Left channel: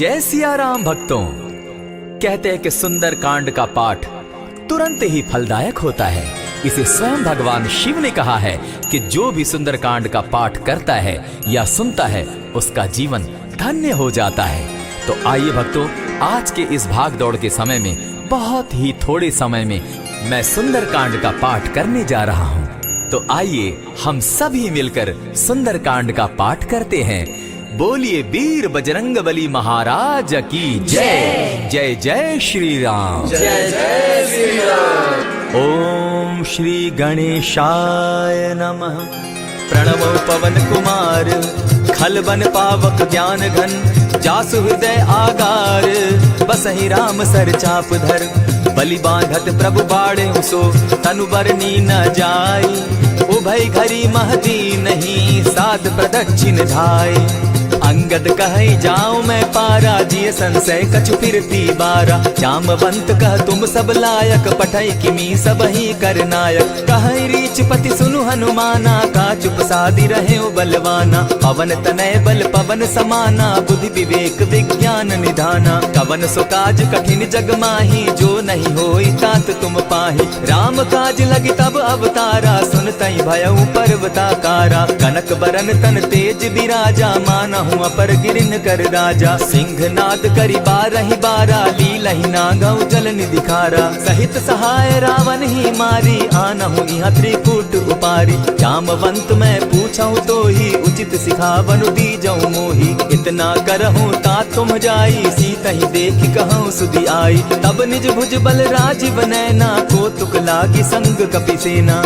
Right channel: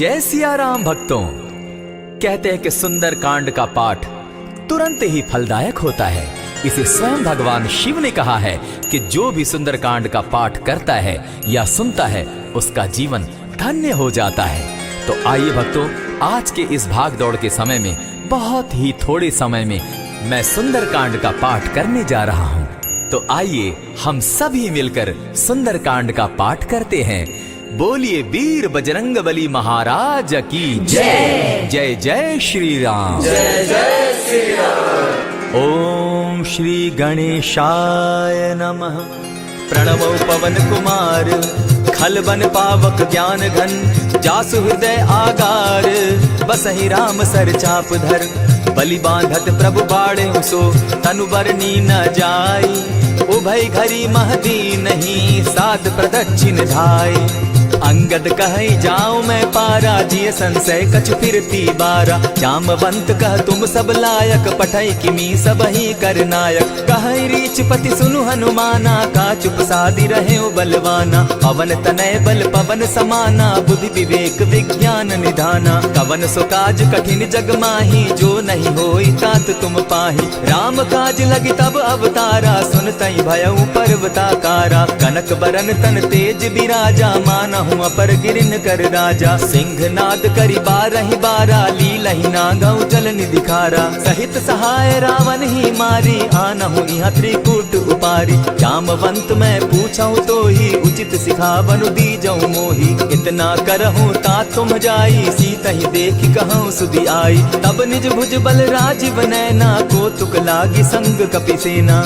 जय सिया राम भक्तों। कहते हैं कि सुंदर कांड का पाठ तुरंत ही फलदायक होता है। इसे स्वयं भगवान शिव ने कहा है कि जो भी सुंदर कांड का पाठ करता है या सुनता है उसका जीवन धन्य हो जाता है। तो आइए भक्तों, आज के इस भाग दौड़ के समय में बहुत ही थोड़े समय में मैं सुंदर कांड का पाठ करने जा रहा हूँ। तो आइए हम सभी मिलकर सुंदर कांड का पाठ करते हैं। बोलिए वीर बजरंगबली महाराज की जय। जय जय श्री राम। जय जय श्री राम। ओम श्री गणेशाय नमः। प्रणवो पवन कुमार खलबन पावक ज्ञान घन जासु हृदय आगार बसहि राम सर चाप धर बलि बांधत प्रभु बाड़े सो तनु बरनी न जाई उभय घरी महदी नहीं साध प्रदक्षिण धाय अंगद कहे जाऊं मैं पारा जिय संशय कछ फिरती बारा जामवंत कह तुम सब लायक पठई किमी सब ही कर नायक कहे रीच पति सुनु हनुमाना का चुप सादी रहे बलवाना पवन तनय बल पवन समाना बुद्धि विवेक विज्ञान निधाना कवन सो काज कठिन जग माही जो नहीं होई तात तुम पाही राम काज लगी तब अवतारा सुनतई भयउ पर्वताकारा कनक बरन तन तेज विराजा मानहु अपर गिरिन कर राजा सिंह नाद करी बारहि बारा लीलहि नागौ जल निधिखारा सहित सहाय रावण ही मारी आनहु इहाँ त्रिकूट उपारी जामवंत मैं पूछऊं तो ही उचित सिखावनु दीजऊं मोही इतना करहूं ता तुम जाई सीतहि देखि कहूं सुधि आई तब निज भुज बल राजीव नैना को तुक लागी संग कपिसेना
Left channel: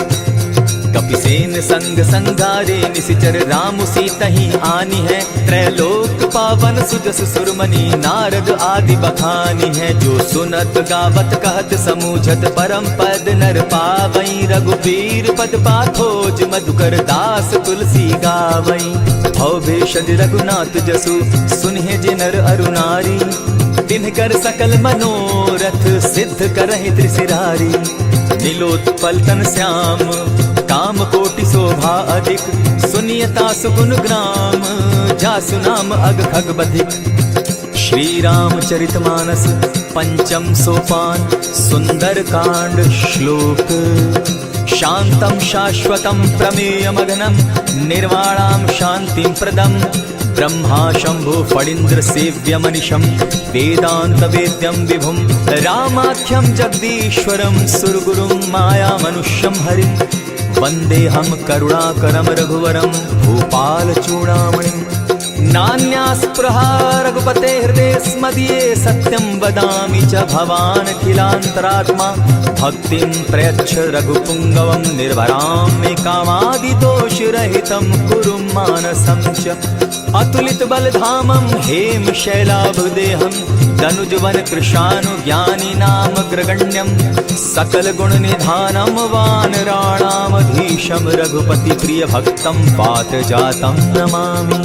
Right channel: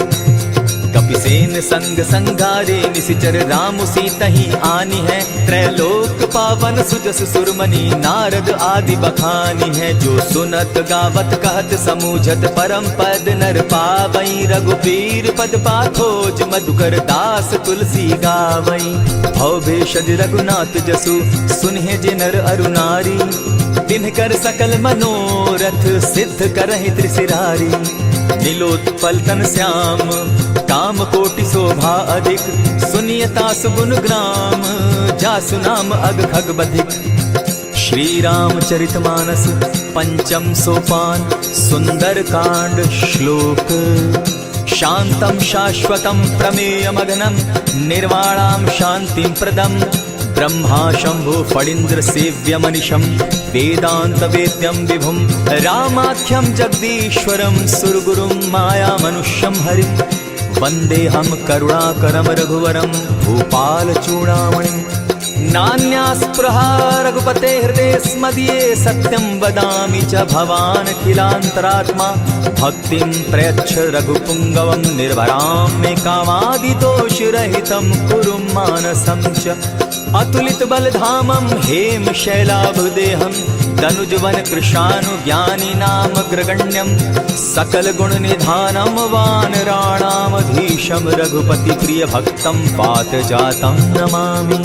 कपिसेन संग संगारे निसिचर राम सीतहि आनी है त्रैलोक पावन सुजस सुरमणि नारद आदि बखानी है जो सुनत गावत कहत समूझत परम पद नर पावई रघुबीर पद पाथोज मधुकर दास तुलसी गावई भव भेषज रघुनाथ जसु सुनहि जे नर अरुनारी तिनकर सकल मनोरथ सिद्ध करहि त्रिशिरारी नीलोत्पल तन श्याम काम कोटि शोभा अधिक सुनियता सुगुण ग्राम जासु नाम अग खग बधिक। श्री रामचरितमानस पंचम सोपान सुंदर कांड श्लोक शांतम शाश्वतम प्रमेयमघनम निर्वाणाम शांतिं प्रदम ब्रह्मा शंभु फणीन्द्र सेव्य मनिशम वेदांत वेद्यम विभुम रामाख्यम जगदीश्वरम सुरगुरुम माया मनुष्यम हरिम वंदे हम करुणाकरम रघुवरम भूपाल चूड़ामणिम नान्यास्पृहा रघुपते हृदय स्मदीये सत्यं वदामि च भवान् अखिलान्तरात्मा भक्तिं प्रयच्छ रघुपुंगवं निर्भरां मे कामादिदोषरहितं कुरु मानसं च अतुलित बलधामं हेम शैलाभदेहं तनुजवन कृशानु ज्ञानी नाम ग्रगण्यं सकल गुण निधानं वानराणामधीशं रघुपति प्रिय भक्तं पात जातं नमामि।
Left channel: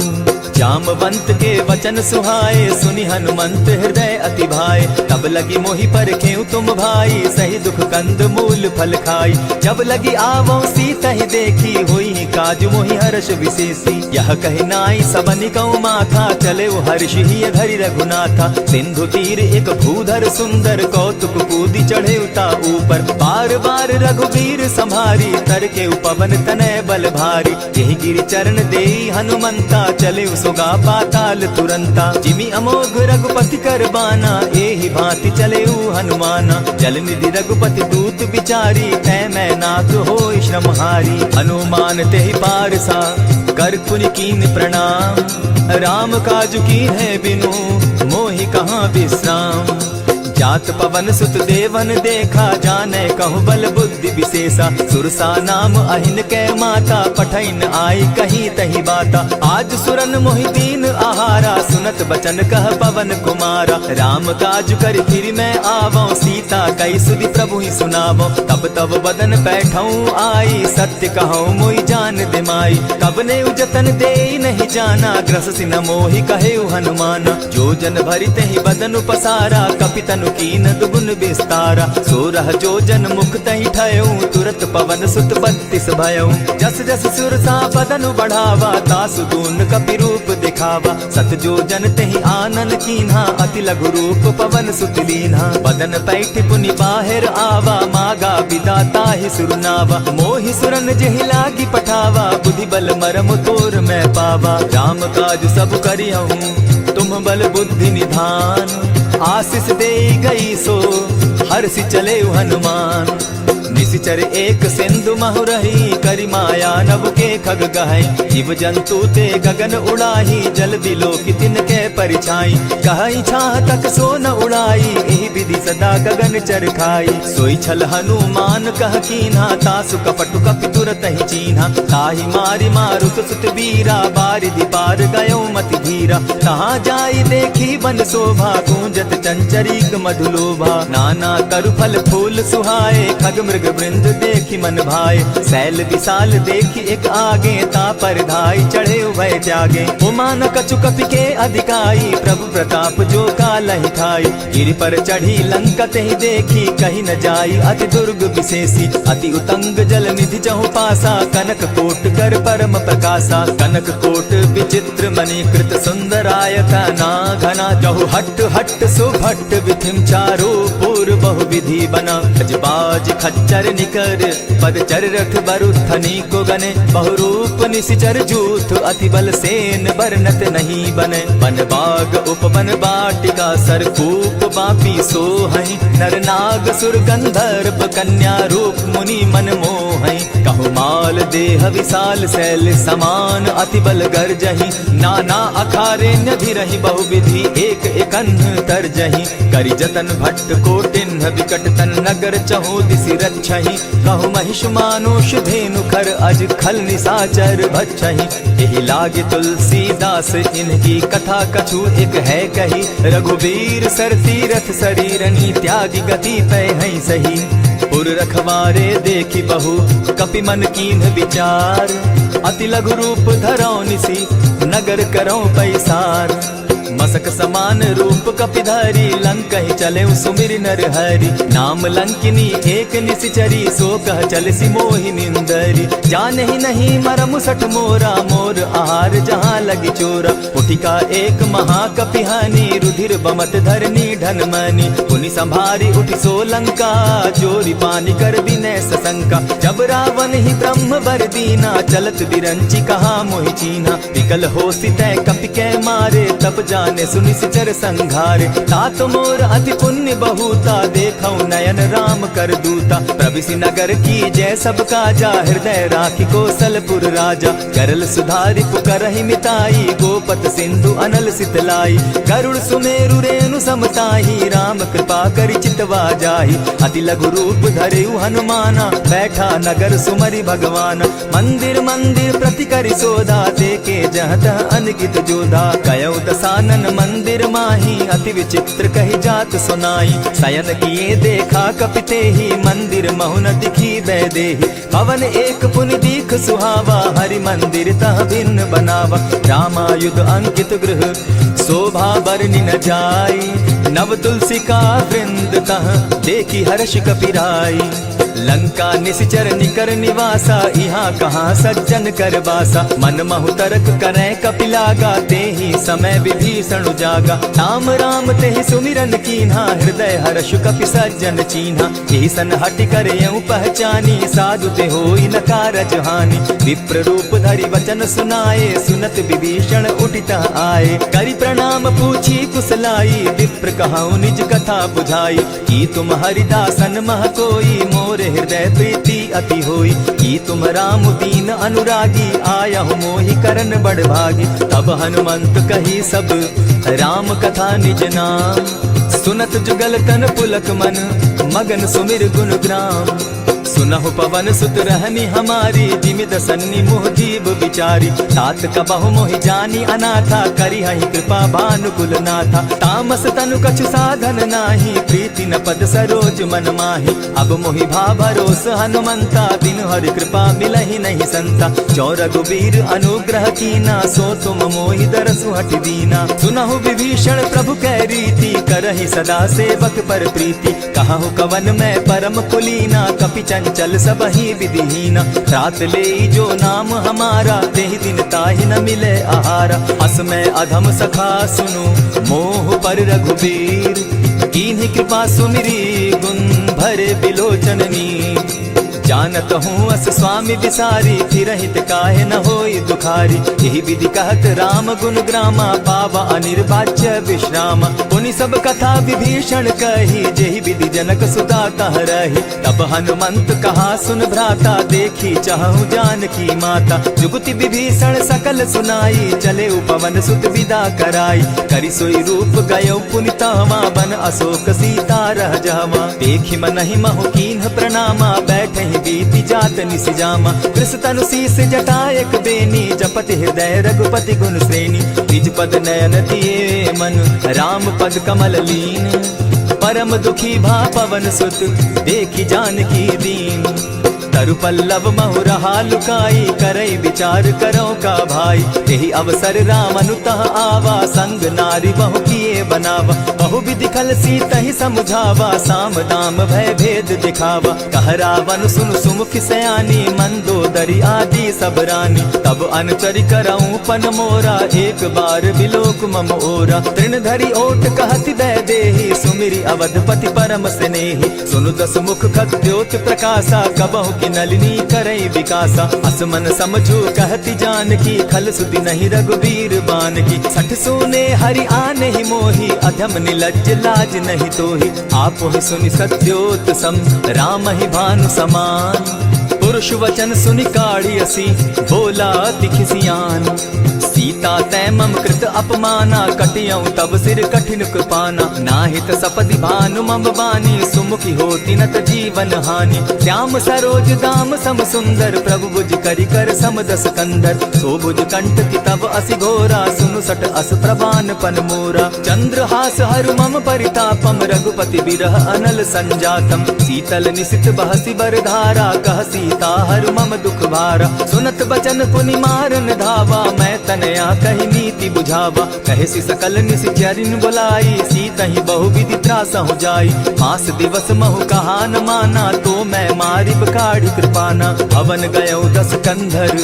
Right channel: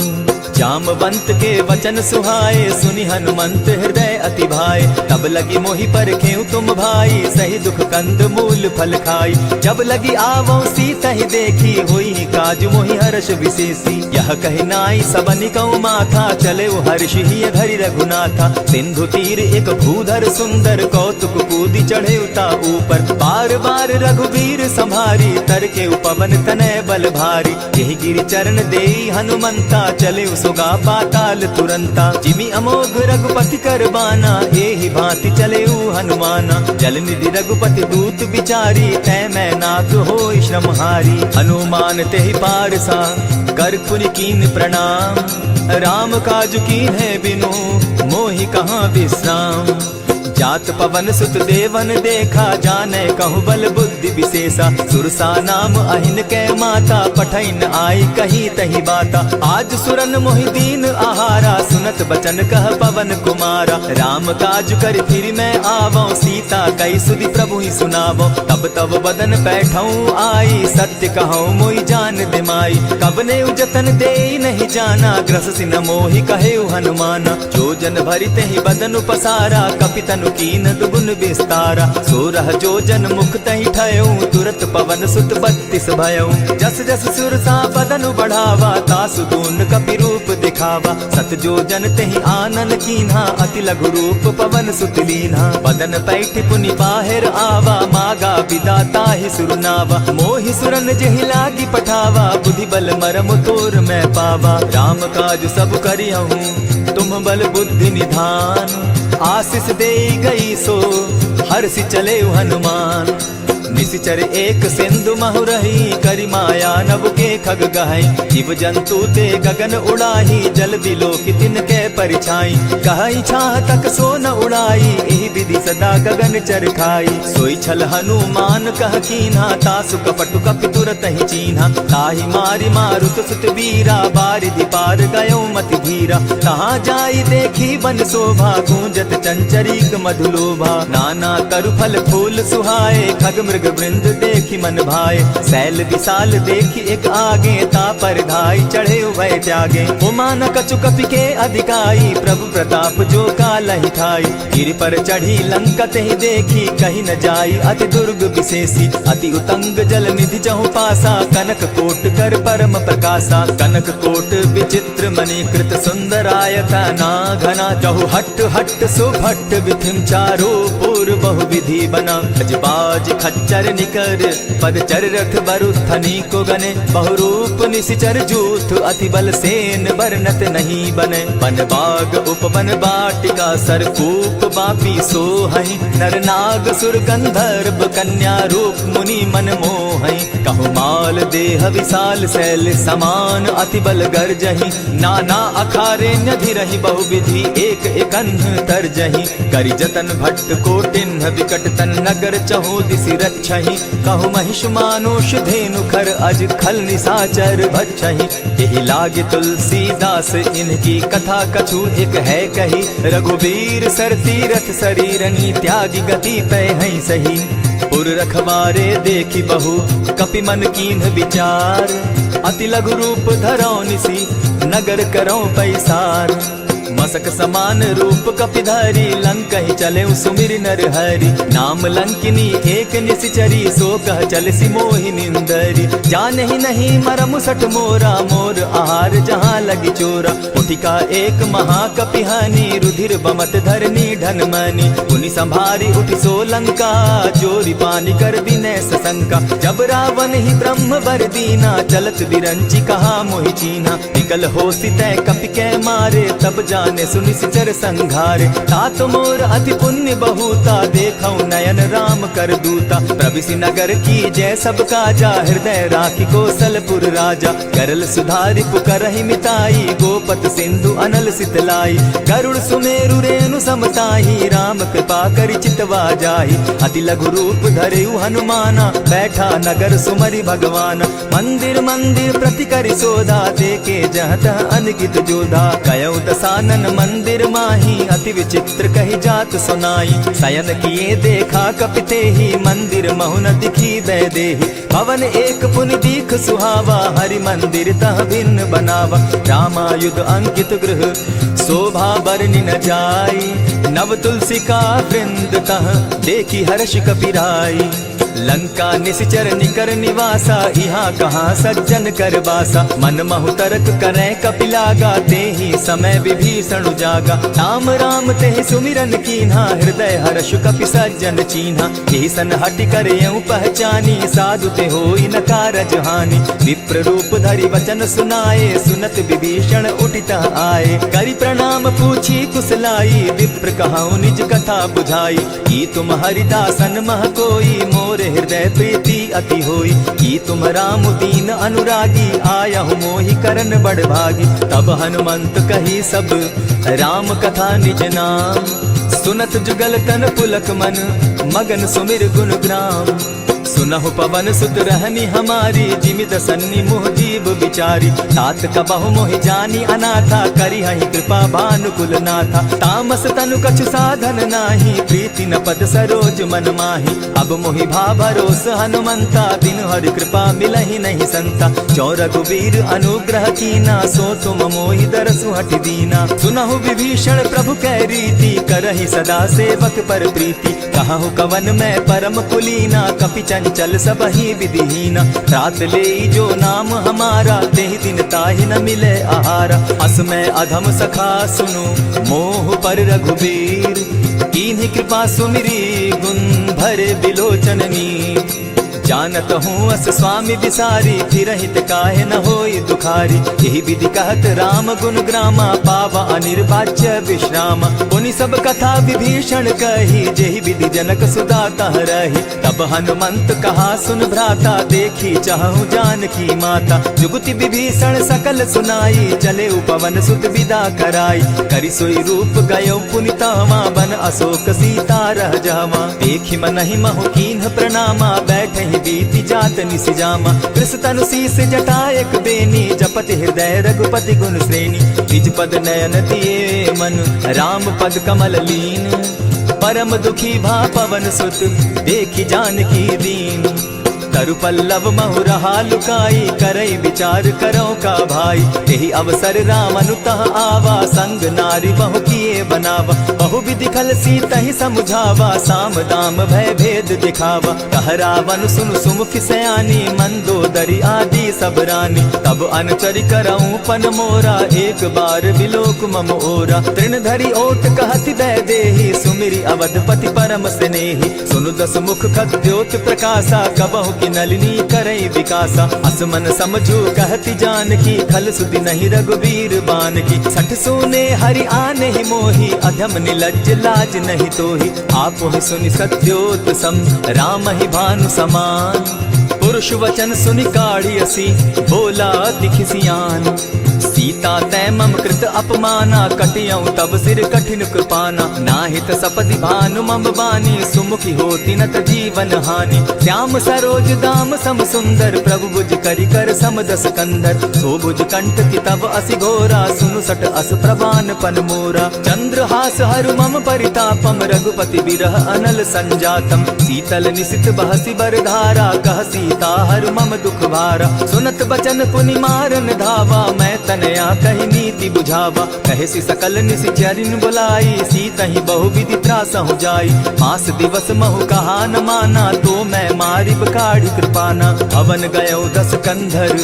जामवंत के वचन सुहाए सुनि हनुमंत हृदय अति भाए तब लगी मोहि परखेउ तुम भाई सही दुख कंद मूल फल खाई जब लगी आवो सीतहि देखी हुई काज मोहि हर्ष विशेषी यह कहि नाई सबनि कौ माथा चले हर्ष ही धरि रघुनाथा सिंधु तीर एक भूधर सुंदर कौतुक कूदी चढ़े उता ऊपर बार बार रघुवीर संभारी तर के पवन तनय बल भारी यही गिरि चरण देई हनुमंता चले सोगा पाताल तुरंता जिमि अमोघ रघुपति कर बाना एहि भांति चले हनुमाना जल निधि रघुपति दूत बिचारी तै मैं नाथ होई श्रमहारी हनुमान तेहि पारसा कर पुनि कीन प्रणाम राम काज कीन है बिनु मोहि कहाँ विश्राम जात पवन सुत देवन देखा जाने कहु बल बुद्धि विशेषा सुरसा नाम अहिन कै माता पठैन आई कही तही बाता आज सुरन मोहि दीन आहारा सुनत बचन कह पवन कुमारा राम काज कर फिर मैं आवो सीता कई सुधि प्रभु ही सुनावो तब तब बदन बैठऊं आई सत्य कहूँ मोहि जान दिमाई कबने उजतन दे नहीं जाना ग्रस सिन मोहि कहे हनुमाना जो जन भरित ही बदन पसारा कपितनु कीन दुगुन विस्तारा। 16 जोजन मुख तहि ठयऊ, तुरत पवन सुत 32 भयऊ। जस जस सुरसा बदन बढ़ावा, तासु दून कपि रूप दिखावा। 7 जोजन तेहि आनन कीन्हा, अति लघु रूप पवन सुत लीन्हा। बदन पैठ पुनि बाहिर आवा, मागा बिदा ताहि सुरनावा। मोहि सुरन जेहि लागी पठावा, बुद्धि बल मरम तोर मैं पावा। राम काज सब करिहूँ, तुम बल बुद्धि निधान। आशीष दे गई सो हर्षि चले हनुमान। निशिचर एक सिंधु महु रही, करि माया नभ के खग गहई। जीव जंतु ते गगन उड़ाही, जल बिलो की तिनके परिछाई। कहई छाह तक सो न उड़ाई, एहि विधि सदा गगन चर खाई। सोई छल हनुमान कह कीन्हा, तासु कपटु कपि तुरत ही चीन्हा। ताहि मारि मारुत सुत वीरा, बारिधि पार गयो मति धीरा। कहाँ जाई देखी वन शोभा, गूंजत चंचरीक मधुलोभा। नाना तरु फल फूल सुहाए, खग मृग वृंद देखी मन भाए। सैल विशाल देखी एक आगे, ता पर धाई चढ़े भय त्यागे। उमान कछु कपि के अधिकाई, प्रभु प्रताप जो कालहि खाई। गिरि पर चढ़ी लंका तेहि देखी, कहीं न जाई अति दुर्ग विशेषी। अति उतंग जल निधि जहु पासा, कनक कोट कर परम प्रकाशा। कनक कोट विचित्र मणि कृत सुंदरायता ना घना। जहु हट हट सुभट विधिम चारो पूर्व बहु विधि बना। अजबाज खच्चर निकर पदचर रथ बरुथनी को गने। बहुरूप निशिचर जूथ, अति बल सेन बरनत नहीं बने। वन बाग उपवन बाटिका, सरकूप बापी सोहई। नर नाग सुर गंधर्व, कन्या रूप मुनि मन मोहई। कहु माल देह विशाल, शैल समान अति बल गर्जही। नाना अखारे न्यधिरहि, बहुविधि एक एकन्ह तरजही। करि जतन भट्ट कोटिन्ह, विकट तन नगर चहु दिसि रक्षहि। कहु महिष मानुष धेनु खर, अज खल निशाचर भक्षहि। एहि लागे तुलसीदास, इनकी कथा कछु एक है कही। रघुबीर सर तीरथ शरीरनी, त्यागी गति पै हई सही। पुर रखवारे देखी बहु, कपि मन कीन्ह विचार। अति लघु रूप धरौ निसी, नगर करौ पैसार। मसक समान रूप कपिधारी, लंक ही चले सुमिर नर हरि। नाम लंकिनी एक निशिचरी, सो कह चल सी मोहि निंदरी। जाने ही नहीं मरम सठ मोरा, मोर आहार जहाँ लगी चोरा। उठिका एक महाकपिहानी, रुधिर बमत धरनी ढन मनी। पुनि संभारी उठि सो लंका, जोरी पानी कर विनय सशंका। जब रावण ही ब्रह्म बर दीना, चलत बिरंची कहा मोहि चीन्हा। निकल हो सितै कपि के मारे, तब जाने सुनि सिचर संघारे। तात मोर अति पुण्य बहुता, देखौ नयन राम कर दूता। प्रविशि नगर की जय सब काजा, हृदय राखी कौशलपुर राजा। करल सुधारि पुकरहि मिताई, गोपत सिंधु अनल सितलाई। गरुड़ सुमेरु रेणु समताही, राम कृपा करि चितवा जाहि। अति लघु रूप धरेउ हनुमाना, बैठा नगर सुमरि भगवान। मंदिर मंदिर प्रति करि सोधा, देखे जहाँ तह अनगित जोधा। कयौ दसानन मंदिर माही, अति विचित्र कही जात सुनाई। शयन किए देखा कपिते ही, मंदिर महु न दिखी बैदेही। भवन एक पुनि दीख सुहावा, हरि मंदिर तह भिन्न बनावा। रामायुध अंकित गृह, शोभा बरनि न जाई। नव तुलसी का वृंद तह, देखी हर्ष कपिराई। लंका निशिचर निकर निवासा, यहाँ कहाँ सज्जन कर बासा। मन महु तरक करे कपिलागा, तेहि समय विभीषण जागा। राम राम तेहि सुमिरन कीन्हा, हृदय हर्ष कपि सज्जन चीन्हा। एहि सन हटि करे पहचानी, साधु ते होई न कारज हानि। विप्र रूप धरि वचन सुनाए, सुनत विभीषण उठित आए। करि प्रणाम पूछी कुशलाई, विप्र कहौ निज कथा बुझाई। की तुम हरिदासन मह कोई, मोर हृदय प्रीति अति होई। की तुम राम दीन अनुरागी, आयहु मोहि करन बड़ भागी। तब हनुमंत कही सब राम कथा निज नाम। सुनत जुगल तन पुलक मन, मगन सुमिर गुण ग्राम। सुनहु पवन सुत रहनी हमारी, जिमित सन्नी मुह जीव विचारी। तात कबहु मोहि जानी अनाथा, करी हहि कृपा भानुकुल नाथा। तामस तनु कछु साधन नाही, प्रीति न पद सरोज मन माही। अब मोहि भा भरोस हनुमंता, बिनु हरि कृपा मिलहि नहीं संता। जो रघुबीर अनुग्रह कीना, सो तुम मोहि दरसु हठि दीना। सुनहु विभीषण प्रभु कै रीति, करहि सदा सेवक पर प्रीति। कहु कवन मैं परम कुलीना, कपि चंचल सबहि विधिहीना। रात ले जो नाम हमारा, तेहि दिन ताहि न मिले आहारा। अस मैं अधम सखा सुनु, मोह पर रघुबीर। कीन्ही कृपा सुमिरी, गुण भरे बिलोचन नीर। जानत हूँ अस स्वामी विसारी, फिरहित काहे न होई दुखारी। यही विधि कहत राम गुण ग्रामा, पावा अनिर्वाच्य विश्रामा। पुनि सब कथा विभीषण कही, जेहि विधि जनक सुता कह रही। तब हनुमंत कहा सुन भ्राता, देखी चाहूँ जानकी माता। जुगति विभीषण सकल सुनाई, चले पवन सुत विदा कराई। करि सोई रूप गयो पुनि तहवा, बन अशोक सीता रह जावा। देखी मनहि महु कीन्ह प्रणामा, बैठहि बीति जात निस जामा। कृष तनु शीस जटायक बेनी, जपति हृदय रघुपति गुण श्रेणी। निज पद नयन दिए मन, राम पद कमल लीन। परम दुखी भा पवन सुत, देखी जानकी दीन। तरु पल्लव महु रहा लुकाई, करई विचार करो का भाई। यही अवसर राम अनुतः आवा, संग नारी बहु किए बनावा। बहु विधि खल सीतहि समुझावा, साम दाम भय भेद दिखावा। कह रावण सुन सुमुख सयानी, मंदोदरी आदि सब रानी। तब अनुचरि करऊं पन मोरा, एक बार बिलोक मम ओरा। तृण धरि ओट कहति दय देहि, सुमिरि अवधपति परम स्नेही। सुनु दस मुख खद्योत प्रकाशा, कबहु की नलिनी करई विकासा। असमन समझो कहती जानकी, खल सुधि नहीं रघुबीर बान की। सठ सोने हरि आने ही मोही, अधम निलज्ज लाज नहीं तोही। आप ही सुनि सत्योत सम, राम ही भानु समान। पुरुष वचन सुनि काढ़ियसी, बोला अति खिसियान। सीता तै मम कृत अपमाना, कटियऊ तब सिर कठिन कृपाना। नाहित सपदि भानु मम बानी, सुमुखी होती नत जीवन हानि। श्याम सरोज दाम सम सुंदर, प्रभु भुज करि कर सम दस कंधर। सो भुज कंठ की तब असि घोरा, सुनु सट अस प्रभान पन मोरा। चंद्रहास हरु मम परितापम, रघुपति बिरह अनल संजातम। शीतल निशित बहसी बर धारा, कह सीता हरु मम दुख भारा। सुनत बचन पुनि मारन धावा, मैं तनया कही नीति बुझावा। कहे सी सकल निश्चरिन बुलाई, सीतहि बहु विधि त्रास हो जाई। मास दिवस महु कहा न माना, तो मैं मारिब काढ़ी कृपाना। भवन गयो दस कंधर,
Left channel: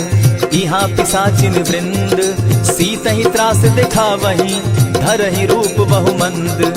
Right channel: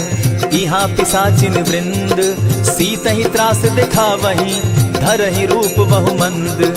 इहाँ पिशाचिन वृंद। सीतहि त्रास देखा वही, धरहि रूप बहु मंद।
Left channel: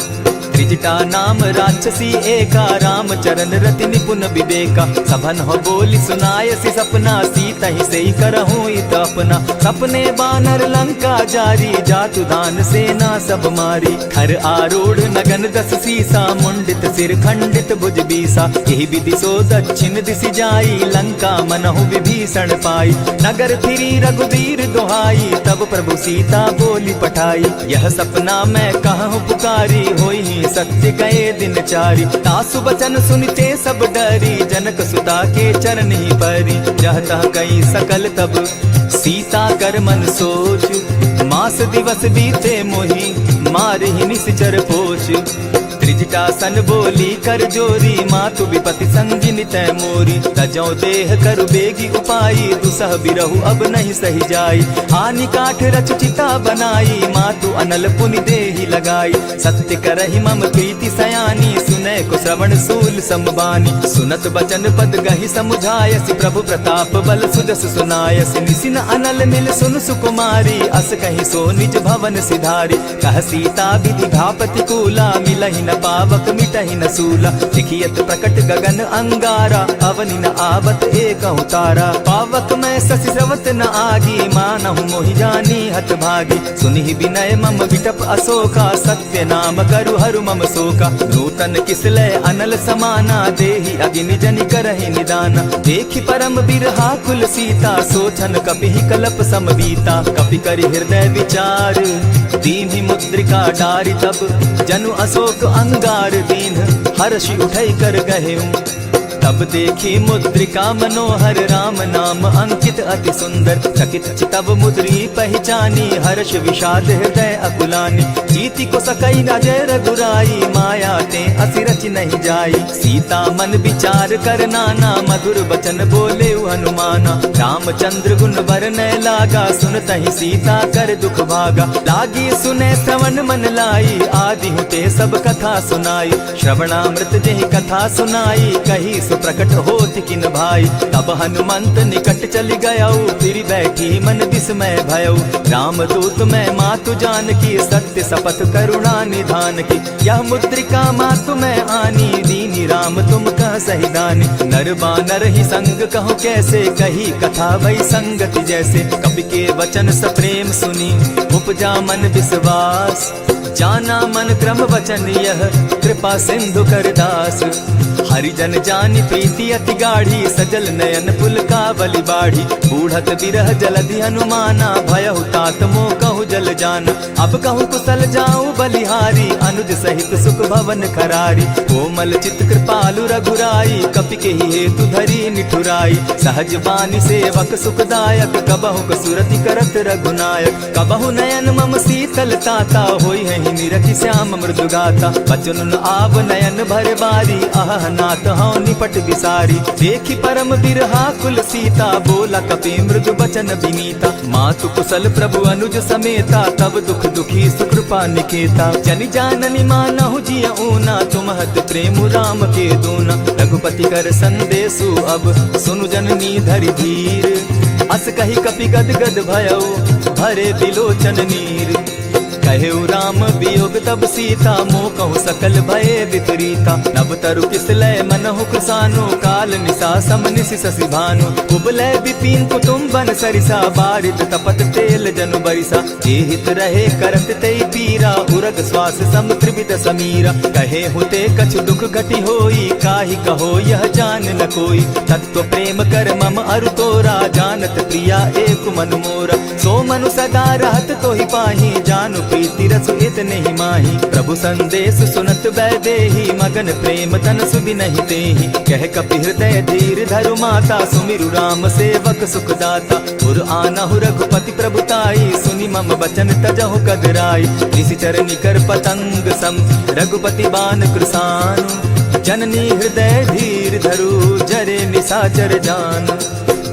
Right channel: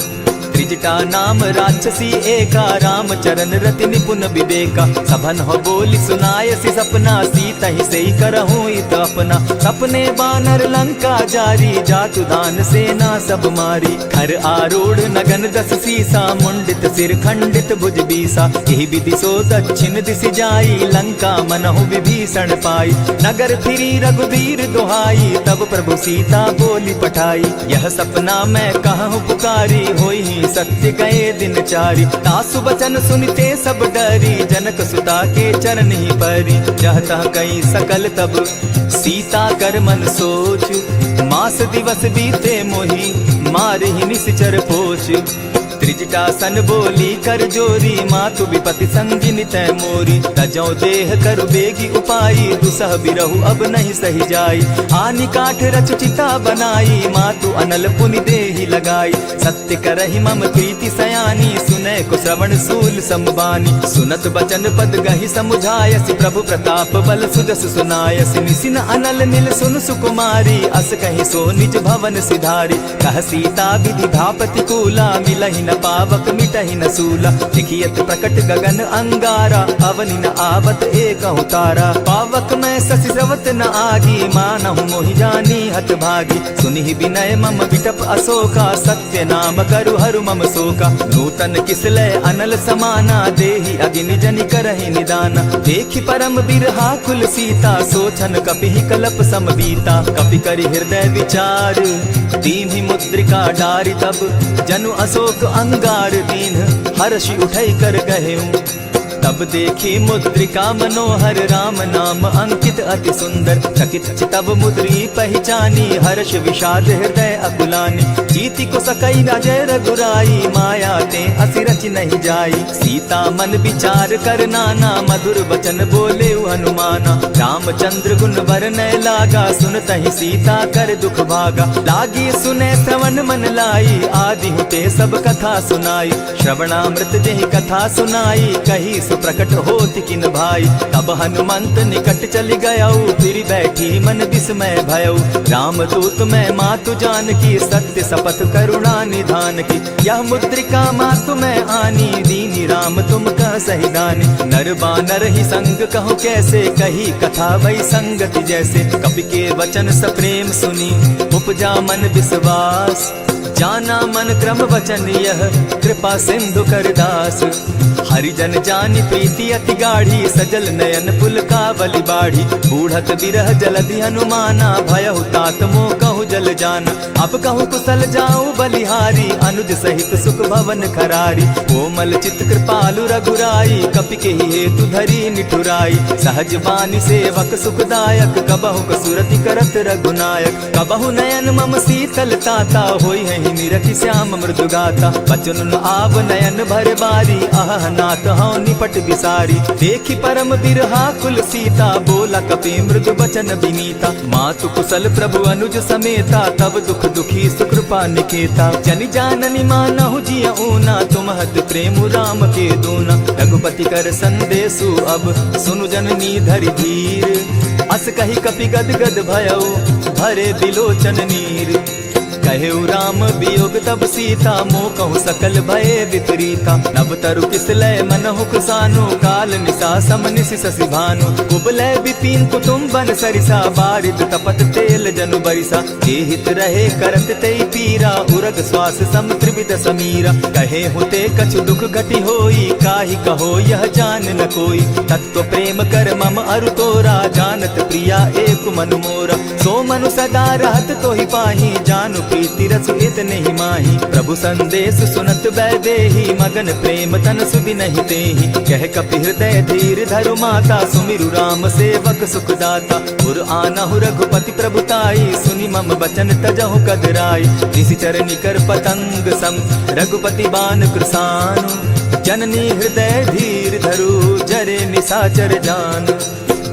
त्रिजटा नाम राक्षसी एका, राम चरण रति निपुण विवेका। सभन हो बोली सुनायसी सपना, सीतहि सेई करहूँ इत अपना। सपने बानर लंका जारी, जातु दान सेना सब मारी। खर आरूढ़ नगन दस सीसा, मुंडित सिर खंडित भुज बीसा। यही विधि सो दक्षिण दिशि जाई, लंका मनहु विभीषण पाई। नगर फिरी रघुबीर दुहाई, तब प्रभु सीता बोली पठाई। यह सपना मैं कहूँ पुकारी, होई सत्य गए दिन चारी। तासु बचन सुनते सब डरी, जनक सुता के चरण ही परी। जहता कई सकल तब सीता कर मन सोच, मास दिवस बीते मोही, मार ही निश्चर पोच। त्रिजटा सन बोली कर जोरी, मातु विपति संगिनी तै मोरी। तजौ देह करु बेगी उपाई, दुसह बिरहु अब नहीं सही जाई। हानि काठ रच चिता बनाई, मातु अनल पुनि देहि लगाई। सत्य करहि मम प्रीति सयानी, सुनै को श्रवण सूल समबानी। सुनत बचन पद गहि समुझायसि, प्रभु प्रताप बल सुजस सुनायसि। निसिन अनल नील सुन सुकुमारी, अस कहि सो निज भवन सिधारी। कह सीता विधि भा प्रतिकूला, मिलहि न पावक मिटहि न सूला। लिखियत प्रकट गगन अंगारा, अवनि न आवत एकहु तारा। पावक मैं शशि स्रवत न आगी, मानहु मोहि जानी हत भागी। सुनिहि विनय मम विटप अशोका, सत्य नाम करु हरु मम शोका। नूतन किसलय अनल समाना, देहि अगिनि जनि करहि निदाना। देखि परम बिरहा कुल सीता, सोचन कपिहि कलप समबीता। कपि करि हृदय विचार, दीन्हि मुद्रिका डारि। तब जनु अशोक अंगार दीन, हर्षि उठै कर गहेऊ। तब देखी मुद्रिका मनोहर राम नाम अंकित अति सुंदर। चकित चितव मुद्री पहचानी हर्ष विषाद हृदय अकुलानी। जीति को सकई राजय रघुराई माया ते असि रच नहीं जाई। सीता मन विचार कर नाना मधुर बचन बोले हनुमाना। रामचंद्र गुण बरनय लागा सुनतहि सीता कर दुख भागा। लागी सुने श्रवण मन लाई आदि हुते सब कथा सुनाई। श्रवणामृत जेहि कथा सुनाई कही सुप्रकट होति किन भाई। तब हनुमंत निकट चली गयऊ फिर बैठी मन विस्मय भयऊ। रामदूत मैं मातु जानकी सत्य शपथ करुणा निधान की। यह मुद्रिका मातु मैं आनी दीनी राम तुम कह सही दानी। नर बानर ही संग कहूँ कैसे कही कथा वही संगति जैसे। कपि के वचन सप्रेम सुनी उपजा मन विश्वास। जाना मन क्रम वचन यह कृपा सिंधु कर दास। हरिजन जानी प्रीति अति गाढ़ी सजल नयन पुल का बलि बाढ़ी। बूढ़त बिरह जलधि हनुमाना भयहु तात मोह कहु जल जाना। अब कहु कुशल जाऊं बलिहारी अनुज सहित सुख भवन खरारी। कोमल चित कृपालु रघुराई कपि के ही हेतु धरी निठुराई। सहज बानी सेवक सुखदायक कबहु कसुरति करत रघुनायक। कबहु नयन मम शीतल ताता होई है निरखि श्याम मृदु गाता। बचन आव नयन भर बारी आह नाथ हौ निपट विसारी। देखी परम बिरहा कुल सीता बोला कपि मृदु बचन विनीता। मातु कुशल प्रभु अनुज समेता तब दुख दुखी सुकृपा निकेता। जनि जाननी मानहु जिय ऊना तुम्हत प्रेम राम के दूना। रघुपति कर संदेशु अब सुनु जननी धरि धीर। अस कही कपि गद गद भयऊ भरे बिलोचन नीर। कहेउ राम वियोग तब सीता मोह कहु सकल भय विपरीता। नव तरु किसलय मनहु कुसानु काल निशा समनिशि शशि भानु। उबलय विपिन कुटुम्बन सरिसा बारिद तपत तेल जनु बरिसा। जे हित रहे करत तेई पीरा उरग श्वास सम त्रिविध समीरा। कहे हुते कछु दुख घटी होई काहि कहो यह जान न कोई। तत्व प्रेम कर मम अरु तोरा जानत प्रिया एक मनु मोरा। सो मनु सदा रहत तोहि पाही जानु प्रीति रसु इतने ही माही। प्रभु संदेश सुनत वैदेही मगन प्रेम तन सुधि नहीं तेहि। कह कपि हृदय धीर धरु माता सुमिरु राम सेवक सुखदाता। उर आनहु रघुपति प्रभुताई सुनि मम बचन तजहु कदराई। निशिचर निकर पतंग सम रघुपति बान कृसानु। जननी हृदय धीर धरु जरे निशाचर जान।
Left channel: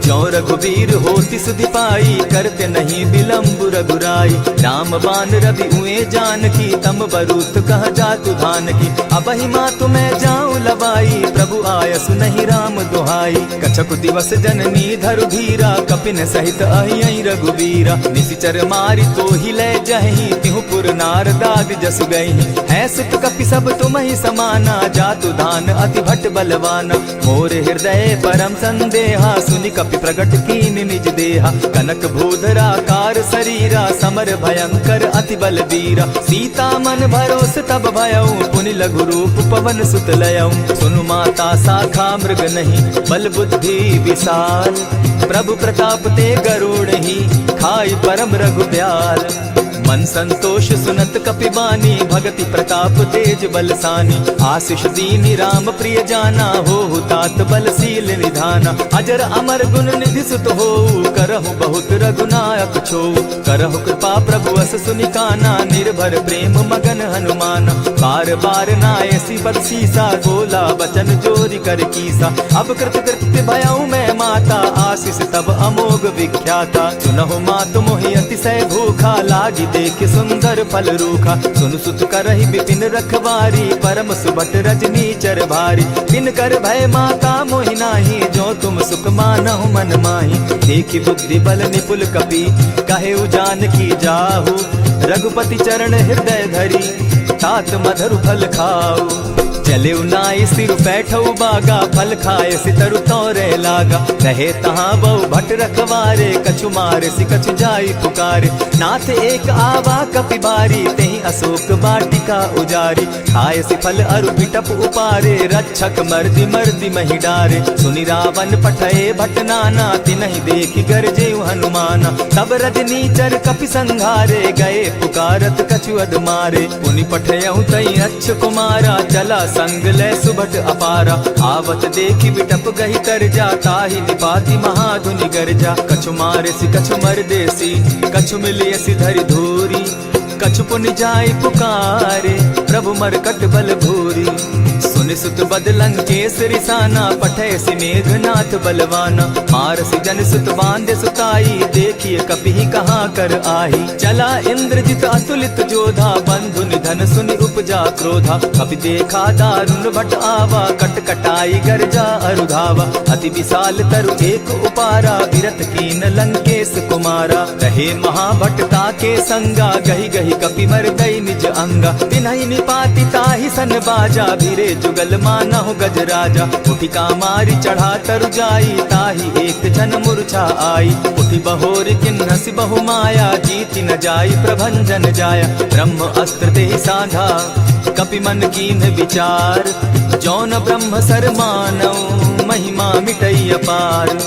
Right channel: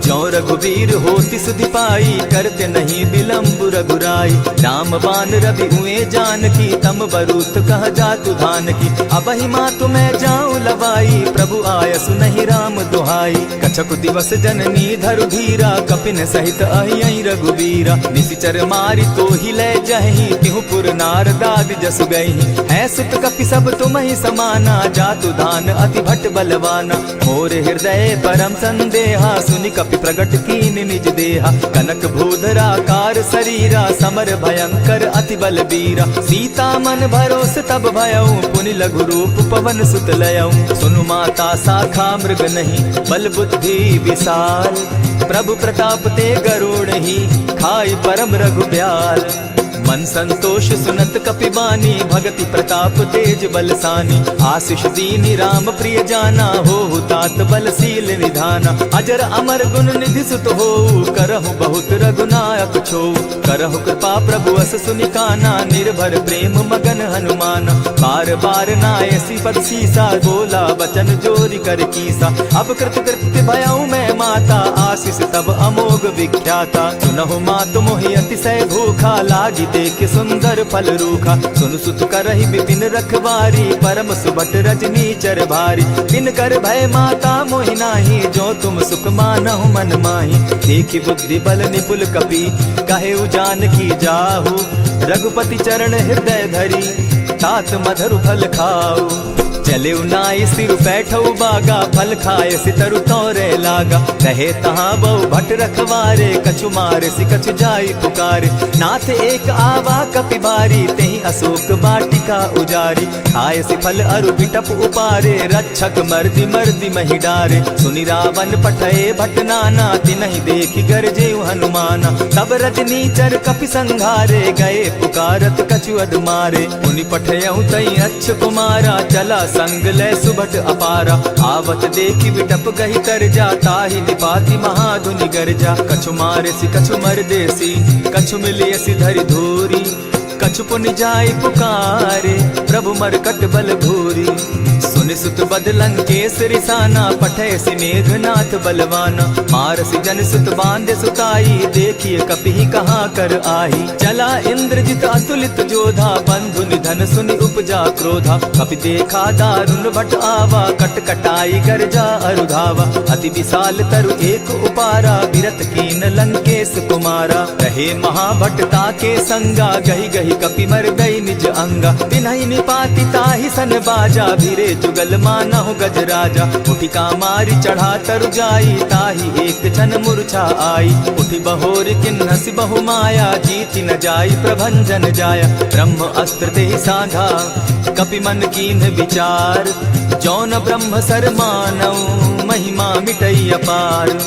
ज्यों रघुवीर होति सुधि पाई करते नहीं विलम्ब रघुराई। राम बान रवि उए जानकी तम बरूत कह जातु धान की। अबहि मातु मैं जाऊं लवाई प्रभु आयसु नहीं राम दुहाई। कछक दिवस जननी धरु धीरा कपिन सहित अहियहि रघुवीरा। निशिचर मारि तो ही लय जहि तिहु पुर नार दाग जसु गई। है सुत कपि सब तुम ही समाना जातु धान अति भट बलवाना। मोर हृदय परम संदेहा सुनि कपि प्रगट कीन निज देहा। कनक भूधराकार शरीरा समर भयंकर अति बल बीरा। सीता मन भरोस तब भयऊ पुनि लघु रूप पवन सुत लयऊ। सुनु माता शाखा मृग नहीं बल बुद्धि विशाल। प्रभु प्रताप ते गरुड़ ही खाई परम रघुब्याल। मन संतोष सुनत कपि बानी भगति प्रताप तेज बलसानी। आशीष दीनी राम प्रिय जाना हो तात बलशील निधाना। अजर अमर गुण निधि सुत हो करहु बहुत रघुनायक छो। करहु कृपा प्रभु अस सुनिकाना निर्भर प्रेम मगन हनुमाना। बार बार नायसी पद सीसा बोला बचन जोरी कर कीसा। अब कृत कृत्य भयऊ मैं माता आशीष तब अमोघ विख्याता। सुनहु मातु मोहि अतिशय भूखा लागी देख सुंदर फल रूखा। सुन सुत करहि विपिन रखवारी परम सुबट रजनी चर भारी। दिन कर भय माता मोहि नाही जो तुम सुख मानहु मन माही। देखी बुद्धि बल निपुल कपि कहेउ जानकी जाहु। रघुपति चरण हृदय धरी तात मधुर फल खाऊ। चले नाई सिर बैठऊ बागा फल खाए सितरु तोरे लागा। रहे तहाँ बहु भट रखवारे कछु मारे सि कछु जाई पुकारे। नाथ एक आवा कपि बारी तेहि अशोक वाटिका उजारी। खाए सि फल अरु बिटप उपारे रक्षक मर्दि मर्दि महि डारे। सुनि रावण पठये भट नाना तिनहि देखि गरजे हनुमाना। तब रजनीचर कपि संघारे गए पुकारत कछु अध मारे। पुनि पठयहु तई अच्छ कुमारा चला संग ले सुभट अपारा, आवत देखी बिटप गही तर जा, ताहि निपाति महाधुनि गर्जा। कछु मारे सी कछु मर देसी, कछु मिले सी धरि धूरी, कछु पुनि जाय पुकारे, प्रभु मरकट बल भूरी। सुनि सुत बद लंकेश रिसाना, पठे सि मेघनाथ बलवाना। मारसि जन सुत बांधे सुताई, देखिए कपि कहाँ कर आही। चला इंद्रजित अतुलित जोधा, बंधु निधन सुनि उपजा क्रोधा। कपि देखा दारुण भट आवा, कट कटाई गर्जा अरुधावा। अति विशाल तरु एक उपारा, बिरत कीन लंकेश कुमारा। रहे महाभट ताके संगा, गही गही कपि मर गई निज अंगा। तिन्हि निपाति ताहि सन बाजा, भीरे जुगल मानहु गज राजा। उठी कामारी चढ़ा तरु जाई, ताहि एक जन मूर्छा आई। उठी बहोर किन्हसि बहु माया, जीति न जाई प्रभंजन जाया। ब्रह्म अस्त्र तेहि साधा, कपि मन कीन विचार। जौन ब्रह्म सर मानौ, महिमा मिटई अपार।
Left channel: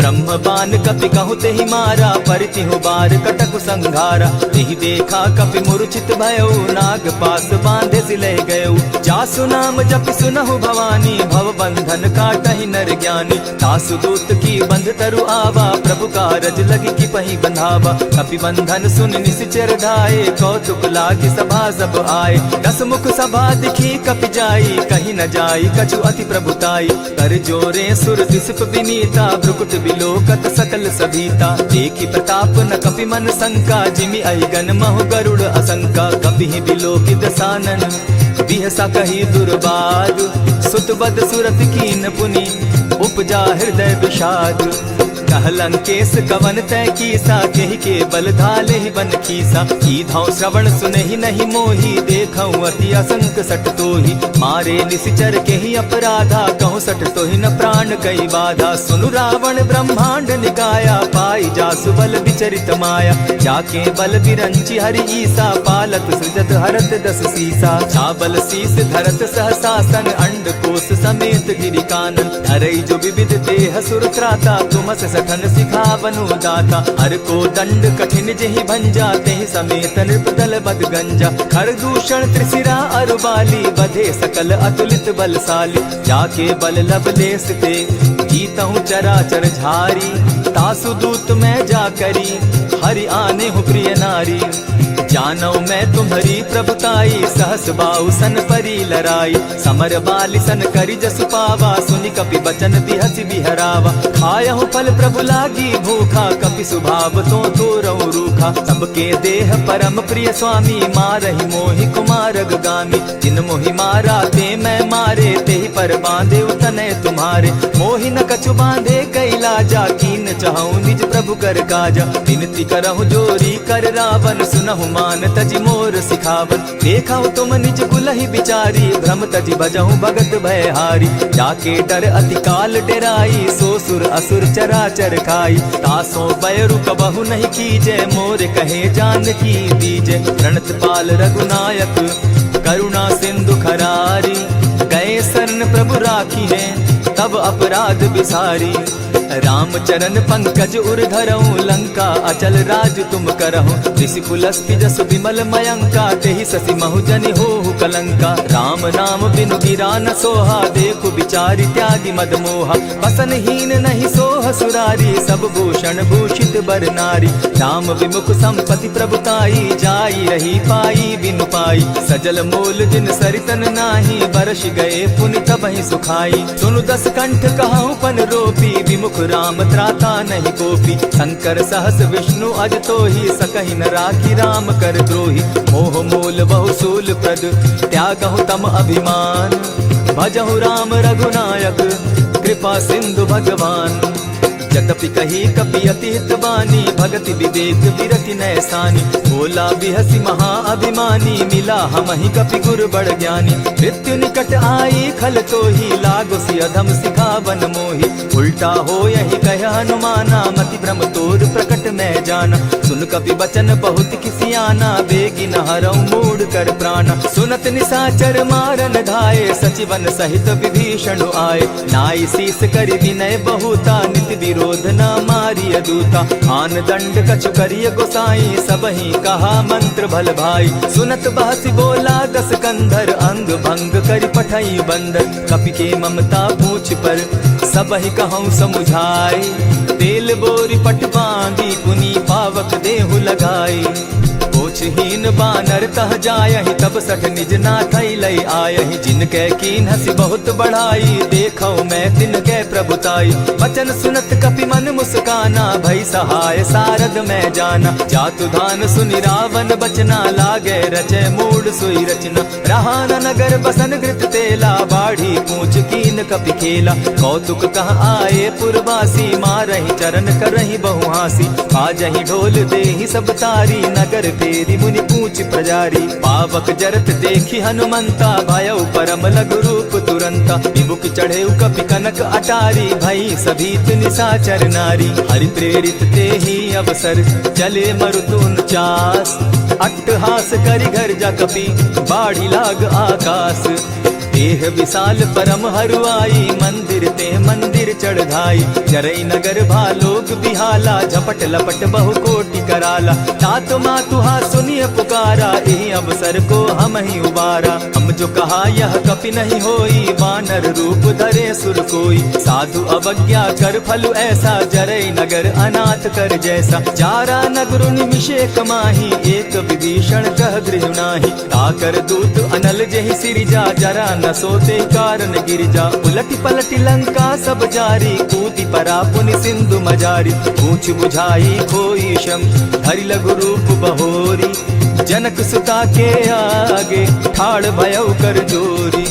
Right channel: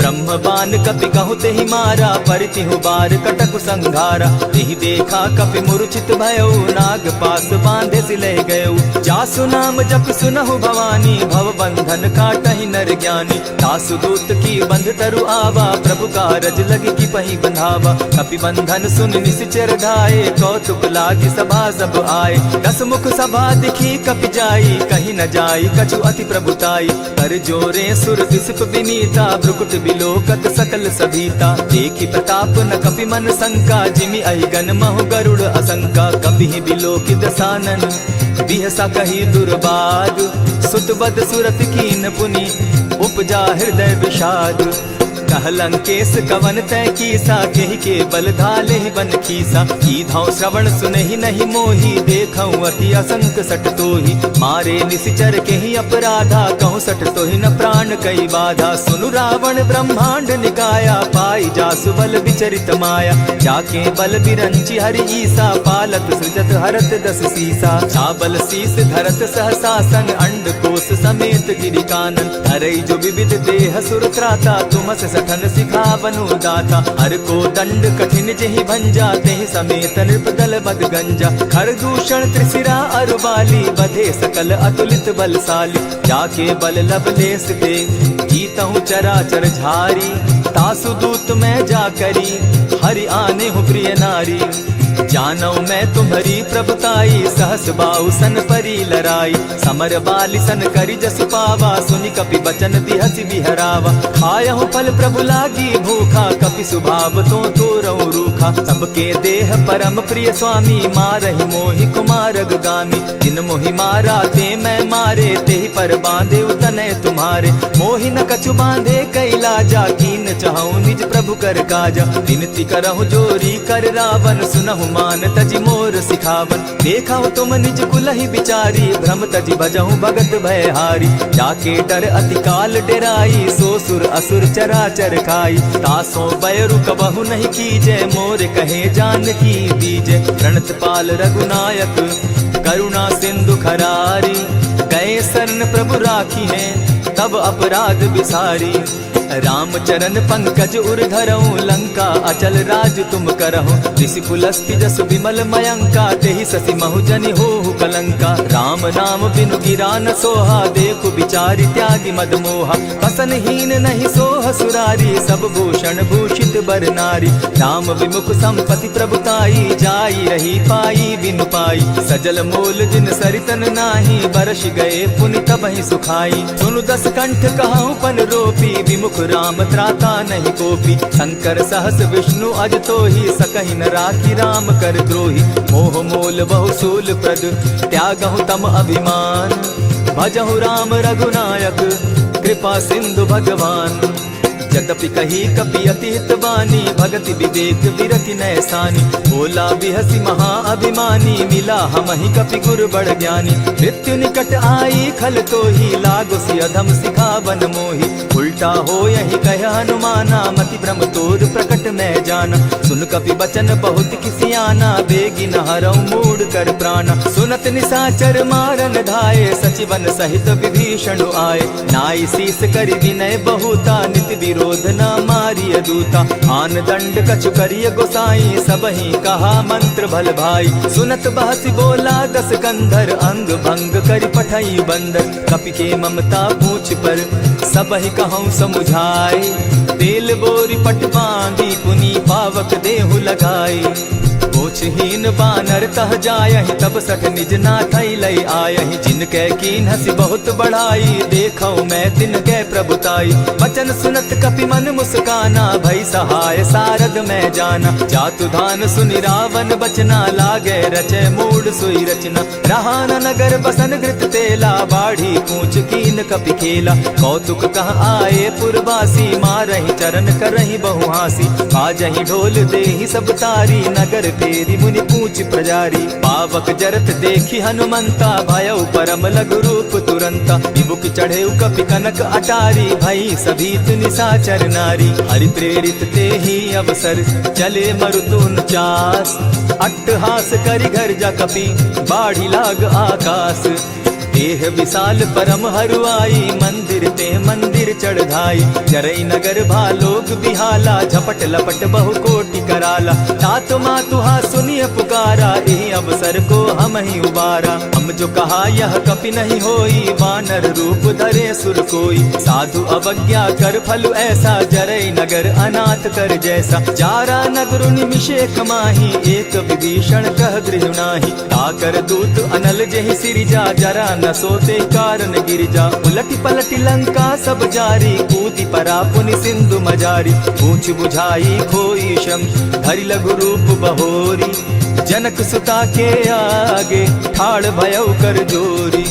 ब्रह्म बान कपि कहु तेहि मारा, परितिहु बार कटक संघारा। तेहि देखा कपि मूर्छित भयो, नाग पास बांधे सिले गयो। जासु नाम जपि सुनहु भवानी, भव बंधन काटहि नर ज्ञानी। तासु दूत की बंध तरु आवा, प्रभु कारज लगी की पही बंधावा। कपि बंधन सुन निश्चर धाये, कौतुक लागी सभा सब आए। दस मुख सभा दिखी कपि जाई, कहीं न जाई कछु अति प्रभुताई। कर जोरे सुर दिसप विनीता, भ्रुकुट बिलोकत सकल सभीता। देखी प्रताप न कपि मन शंका, जिमि अहिगन महु गरुड़ असंका। कपि बिलोकि दसानन, बिहसा कही दुर्बाद। सुत बद सुरत कीन पुनि, उपजा हृदय विषाद। कह लंकेश कवन तय कीसा, केहि के बल धाले ही बन खीसा। कीधौ श्रवण सुनहि नहीं मोही, देखऊं अति असंक सट तोही। मारे निशिचर केहि अपराधा, कहूँ सट तोहि न प्राण कई बाधा। सुनु रावण ब्रह्मांड निकाया, पाई जासु बल विचरित माया। जाके बल बिरंची हरि ईसा, पालत सृजत हरत दस सीसा। चाबल शीस धरत सहसासन, अंड कोश समेत गिरि कानन। धरई जो विविध देह सुर त्राता, तुमस सठन सिखावनु दाता। हर को दंड कठिन जेहि भंजा, तेहि समेत नृपदल बद गंजा। खर दूषण त्रिशिरा अरुबाली, बधे सकल अतुलित बलशाली। जाके बल लवलेस ते, जीतहु चराचर झारी। तासु दूत मैं जा करी, हरि आने हूँ प्रिय नारी। जानौ मैं तुम्हारी प्रभुताई, सहस बाहु सन परी लराई। समर बाली सन करी जसु पावा, सुनि कपि बचन दिहसि बिहरावा। खायहु फल प्रभु लागी भूखा, कपि सुभाव तो तोरऊ रूखा। सबके देह परम प्रिय स्वामी, मारहि मोहि कुमारग गामी। जिन मोहि मारा ते मैं मारे, तेहि पर बांधे उतने तुम्हारे। मोहि न कछु बांधे कैलाजा, कीन चहु निज प्रभु कर काजा। विनती करहु जोरी कर रावण, सुनहु मान तजि मोर सिखावन। देखा तुम निज कुलहि बिचारी, भ्रम तजि भजहु भगत भयहारी। जाके डर अति काल डेराई, सो सुर असुर चराचर खाई। तासो बैरु कबहु नहीं कीजे, मोर कहे जानकी दीजे। प्रणत पाल रघुनायक, करुणा सिंधु खरारी। गए शरण प्रभु राखी है, तब अपराध बिसारी। राम चरण पंकज उर धरऊं, लंका अचल राज तुम करहु। ऋषि पुलस्ति जस विमल मयंका, तेहि ससि महु जनि होहु कलंका। राम नाम बिनु गिरा न सोहा, देखु बिचारी त्यागी मद मोहा। बसन हीन नहीं सोह सुरारी, सब भूषण भूषित बर नारी। राम विमुख संपति प्रभुताई, जाई रही पाई बिनु पाई। सजल मोल जिन सरितन नाही, बरस गए पुनि तबहि सुखाई। सुनु दस कंठ कहूँ पन रोपी, विमुख राम त्राता नहीं कोपी। शंकर सहस विष्णु अज तोहि, सकहि न राखी राम कर द्रोही। मोह मोल बहु सूल प्रद, त्यागहु तम अभिमान। भजहु राम रघुनायक, कृपा सिंधु भगवान। जतपि कही कपि अति हितवानी, भगति विवेक विरति नैसानी। बोला बिहसी महा अभिमानी, मिला हमहि कपि गुर बड़ ज्ञानी। मृत्यु निकट आई खल तोहि, लागो सि अधम सिखावन मोहि। उल्टा हो यही कह हनुमाना, मति भ्रम तोर प्रकट मैं जाना। सुन कपि बचन बहुत किसियाना, बेगी न हरऊ मूढ़ कर प्राणा। सुनत निशाचर मारन धाये, सचिवन सहित विभीषण आए। नाई शीस करि विनय बहुता, नित विरोध क्रोध न मारिय दूता। आन दंड कछु करिय गोसाई, सबहि कहा मंत्र भल भाई। सुनत बहसी बोला दस कंधर, अंग भंग करि पठई बंदर। कपि के ममता पूछ पर, सबहि कहूँ समुझाई। तेल बोरी पट बांधी, पुनि पावक देहु लगाई। ओछहीन बानर तह जायहि, तब सठ निज नाथई लई आयहि। जिनके कीन हसी बहुत बढ़ाई, देखौ मैं तिनके प्रभुताई। बचन सुनत कपि मन मुस्काना, भई सहाय सारद मैं जाना। जातु धान सुनि रावण बचना, लागे रचे मूड सोई रचना। रहा न नगर बसन घृत तेला, बाढ़ी पूछ कीन कपि खेला। कौतुक कह आए पुरवासी, मारहि चरण करहि बहु हासी। बाजहि ढोल देहि सब तारी, नगर फेरी मुनि पूछ प्रजारी। पावक जरत देखी हनुमंता, भयउ परम लघु रूप तुरंता। विमुख चढ़े कपि कनक अटारी, भई सभीत निशाचर नारी। हरि प्रेरित ते ही अवसर, चले मरुतुन चास। अट्टहास करि घर जा कपि, बाढ़ी लाग आकाश। देह विशाल परम हरुआई, मंदिर ते मंदिर चढ़ाई। जरई नगर भालोग बिहाला, झपट लपट बहु कोटि कराला। तात मातुहा सुनिय पुकारा, यही अवसर को हम ही उबारा। हम जो कहा यह कपि नहीं होई, वानर रूप धरे सुर कोई। साधु अवज्ञा कर फल ऐसा, जरई नगर अनाथ कर जैसा। चारा नगर निमिषे कमाही, एक विभीषण कह गृह नाही। ताकर दूत अनल जहि सिरिजा, जरा न सोते कारण गिरिजा। उलटी पलटी लंका सब जारी, कूदी परा पुनि सिंधु मजारी। पूछ बुझाई खोई श्रम, धरि लघु रूप बहोरी। जनक सुता के आगे, ठाड़ भयउ कर जोरी।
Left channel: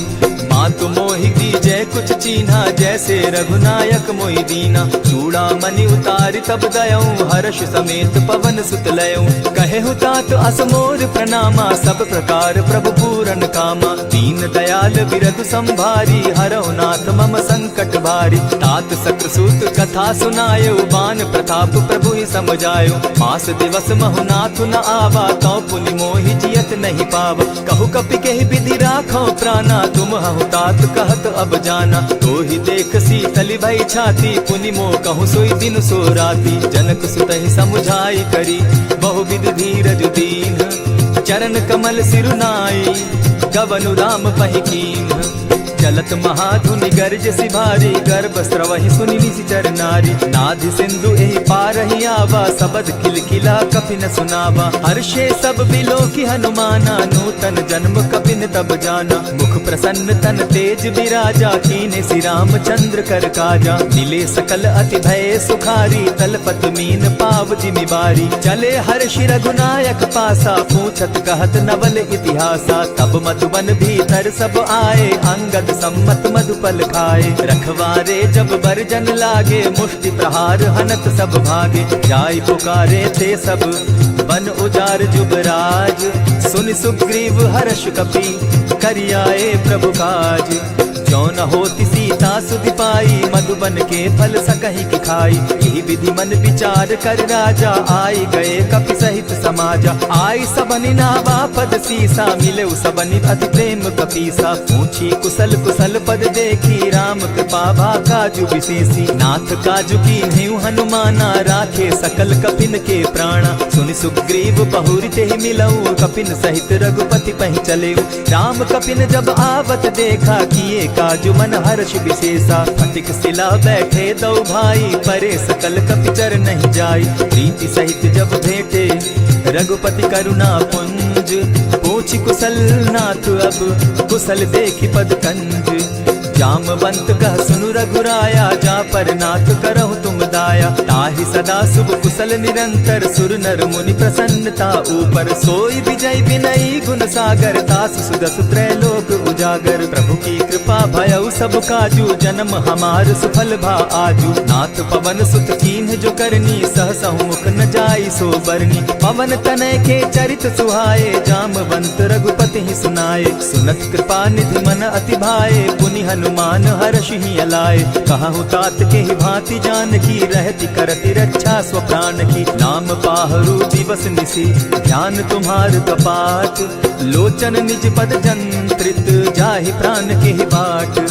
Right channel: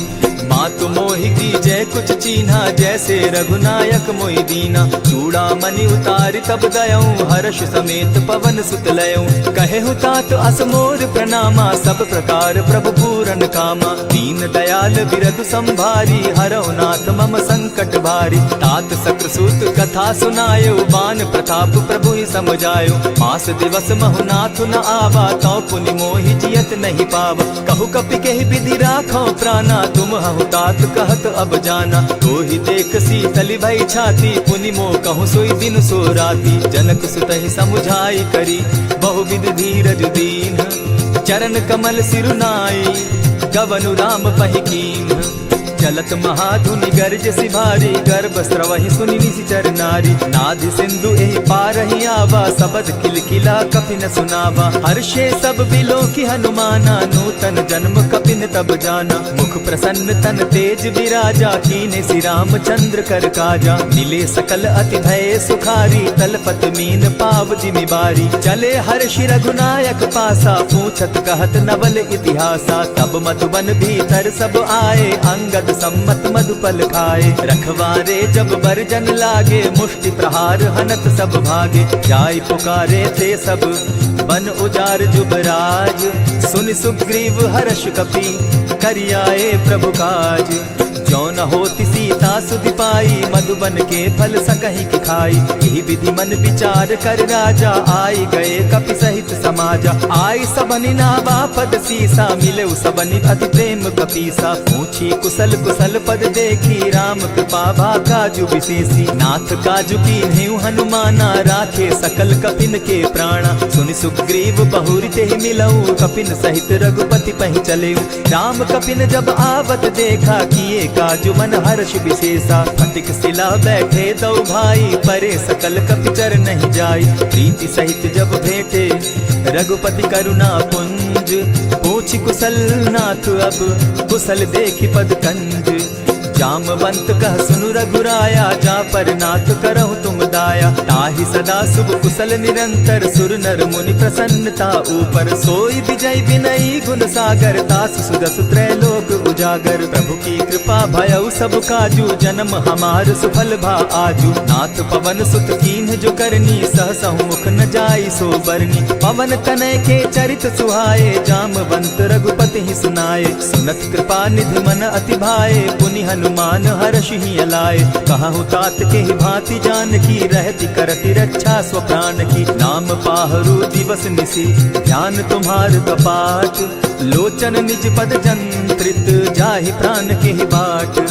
मातु मोहि दीजै कुछ चीन्हा, जैसे रघुनायक मोहि दीना। चूड़ामणि उतारि तब दयऊं, हर्ष समेत पवन सुत लयऊं। कहेहु तात असमोर प्रणामा, सब प्रकार प्रभु पूरन कामा। दीन दयाल बिरधु संभारी, हरौ नाथ मम संकट भारी। तात सक्रसूत कथा सुनायो, बान प्रताप प्रभु ही समझायो। मास दिवस महु नाथ न आवा, तौ पुनि मोहि जियत नहीं पावा। कहु कपि केहि विधि राखौ प्राणा, तुम हहु तात कहत अब जाना। तो ही देख शीतल भई छाती, पुनि मो कहूँ सोई दिन सो राती। जनक सुतहि समुझाई करी, बहुविध धीरज दीन। चरण कमल सिरुनाई, गवनु राम पहि कीन्ह। चलत महाधुनि गर्ज सिभारी, गर्भ स्रवहि सुनि निशिचर नारी। नाधि सिंधु एहि पारहि आवा, सबद किलकिला कपि न सुनावा। हर्षे सब बिलो की हनुमाना, नूतन जन्म कपि न तब जाना। मुख प्रसन्न तन तेज विराजा, कीने श्री रामचंद्र कर काजा। मिले सकल अति भय सुखारी, तलपत मीन पाव जिमि बारी। चले हर्षि रघुनायक पासा, पूछत कहत नवल इतिहासा। तब मधुबन भीतर सब आए, अंगद सम्मत मधुपल खाए। रखवारे जब बरजन लागे, मुष्टि प्रहार हनत सब भागे। जाय पुकारे ते सब, बन उजार जुबराज। सुनि सुग्रीव हर्ष कपि, करियाए प्रभु काज। जो न होती सीता सुधि पाई, मधुबन के फल सकहि की खाई। यही विधि मन विचार कर राजा, आई गए कपि सहित समाजा। आई सबनि नावा पद सीसा, मिले सबनि अति प्रेम कपीसा। पूछी कुशल कुशल पद देखी, राम कृपा भा काजु विशेषी। नाथ काजु कीन्हेउ हनुमाना, राखे सकल कपिन के प्राणा। सुनि सुग्रीव बहुरि तेहि मिलऊ, कपिन सहित रघुपति पहि चलेऊ। राम कपिन जब आवत देखा, किए काजु मन हर्ष विशेषा। फटिक सिला बैठे दो भाई, परे सकल कपिचर नहीं जाई। प्रीति सहित जब भेटे, रघुपति करुणा पुंज। पूछि कुशल नाथ अब, कुशल देखि पद कंज। जामवंत कह सुनु रघुराया, जा पर नाथ करहु तुम दाया। ताहि सदा शुभ कुशल निरंतर, सुर नर मुनि प्रसन्नता ऊपर। सोई विजय विनयी गुण सागर, तास सुदस त्रैलोक उजागर। प्रभु की कृपा भयउ सब काजू, जन्म हमार सुफल भा आजू। नाथ पवन सुत कीन्ह जो करनी, सहसहु मुख न जाई सो बरनी। पवन तनय के चरित सुहाए, जामवंत रघुपति ही सुनाए। सुनत कृपा निधि मन अति भाए, पुनि हनुमान हर्ष ही अलाए। कहु तात के ही भांति जान की, रहती करती रक्षा स्व प्राण की। नाम पाहरु दिवस निसी, ध्यान तुम्हार कपाट। लोचन निज पद जंत्रित, जाहि प्राण के ही बाट।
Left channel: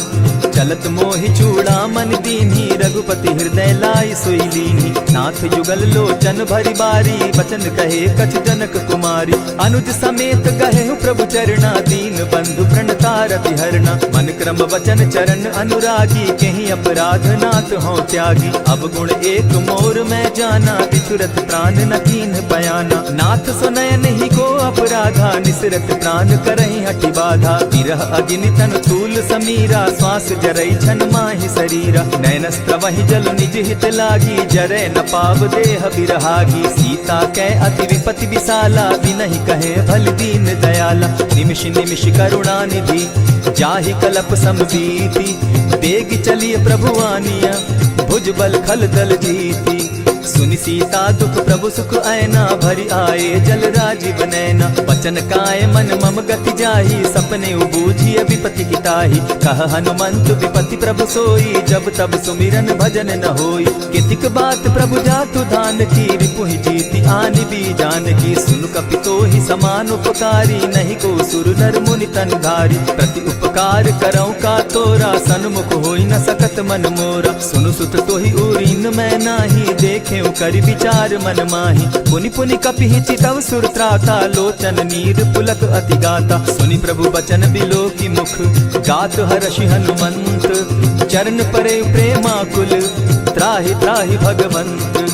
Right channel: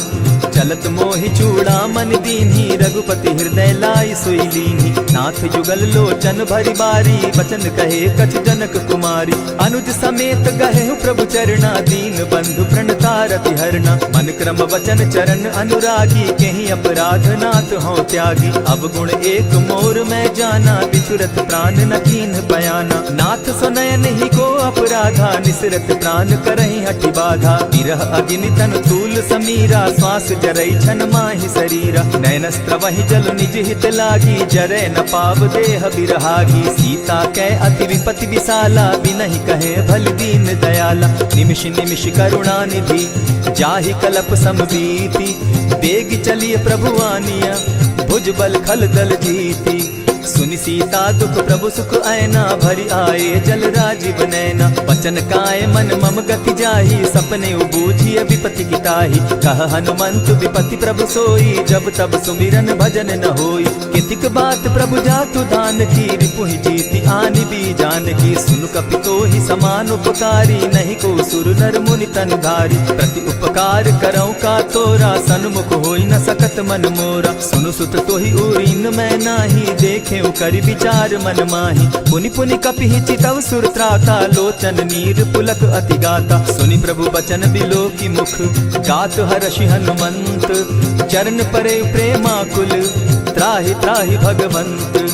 चलत मोहि चूड़ामन दीन्ही, रघुपति हृदय लाई सोई लीन्ही। नाथ युगल लोचन भरी बारी, बचन कहे कछ जनक कुमारी। अनुज समेत गहे प्रभु चरणा, दीन बंधु प्रणतारति हरना। मन क्रम वचन चरण अनुरागी, कहीं अपराध नाथ हो त्यागी। अब गुण एक मोर मैं जाना, बिछुरत प्राण न कीन्ह बयाना। नाथ सुनयन ही को अपराधा, निसरत प्राण करहि हठि बाधा। विरह अग्नि तन तूल समीरा, श्वास जरई छन माहि शरीरा। नयनस्त्र वही जल निज हित लागी, जरै न पाव देह बिरहागी। सीता कै अति विपति विशाला, बिनहि कहे भल दीन दयाला। निमिष निमिष करुणा निधि, जाहि कलप समबीति। बेग चलिए प्रभु आनिया, भुजबल खल दल जीती। सुनि सीता दुख प्रभु सुख ऐना, भरी आए जल राजीव नैना। वचन काय मन मम गति जाहि, सपने बूझिय विपति किताहि। कह हनुमंत विपति प्रभु सोई, जब तब सुमिरन भजन न होई। कितिक बात प्रभु जातु धान की, रिपुहि जीति आनि भी जानकी। सुन कपितोहि समान उपकारी, नहीं को सुर नर मुनि तनु धारी। प्रति उपकार करऊं का तोरा, सन्मुख होई न सकत मन मोरा। सुनु सुत तोहि उरीन मैं नाही, देखे करि विचार मन माही। पुनि पुनि कपिहि चितव सुर त्राता, लोचन नीर पुलक अति गाता। सुनि प्रभु बचन बिलो की मुख, गात हर्षि हनुमंत। चरण परे प्रेमाकुल, त्राहि त्राहि भगवंत।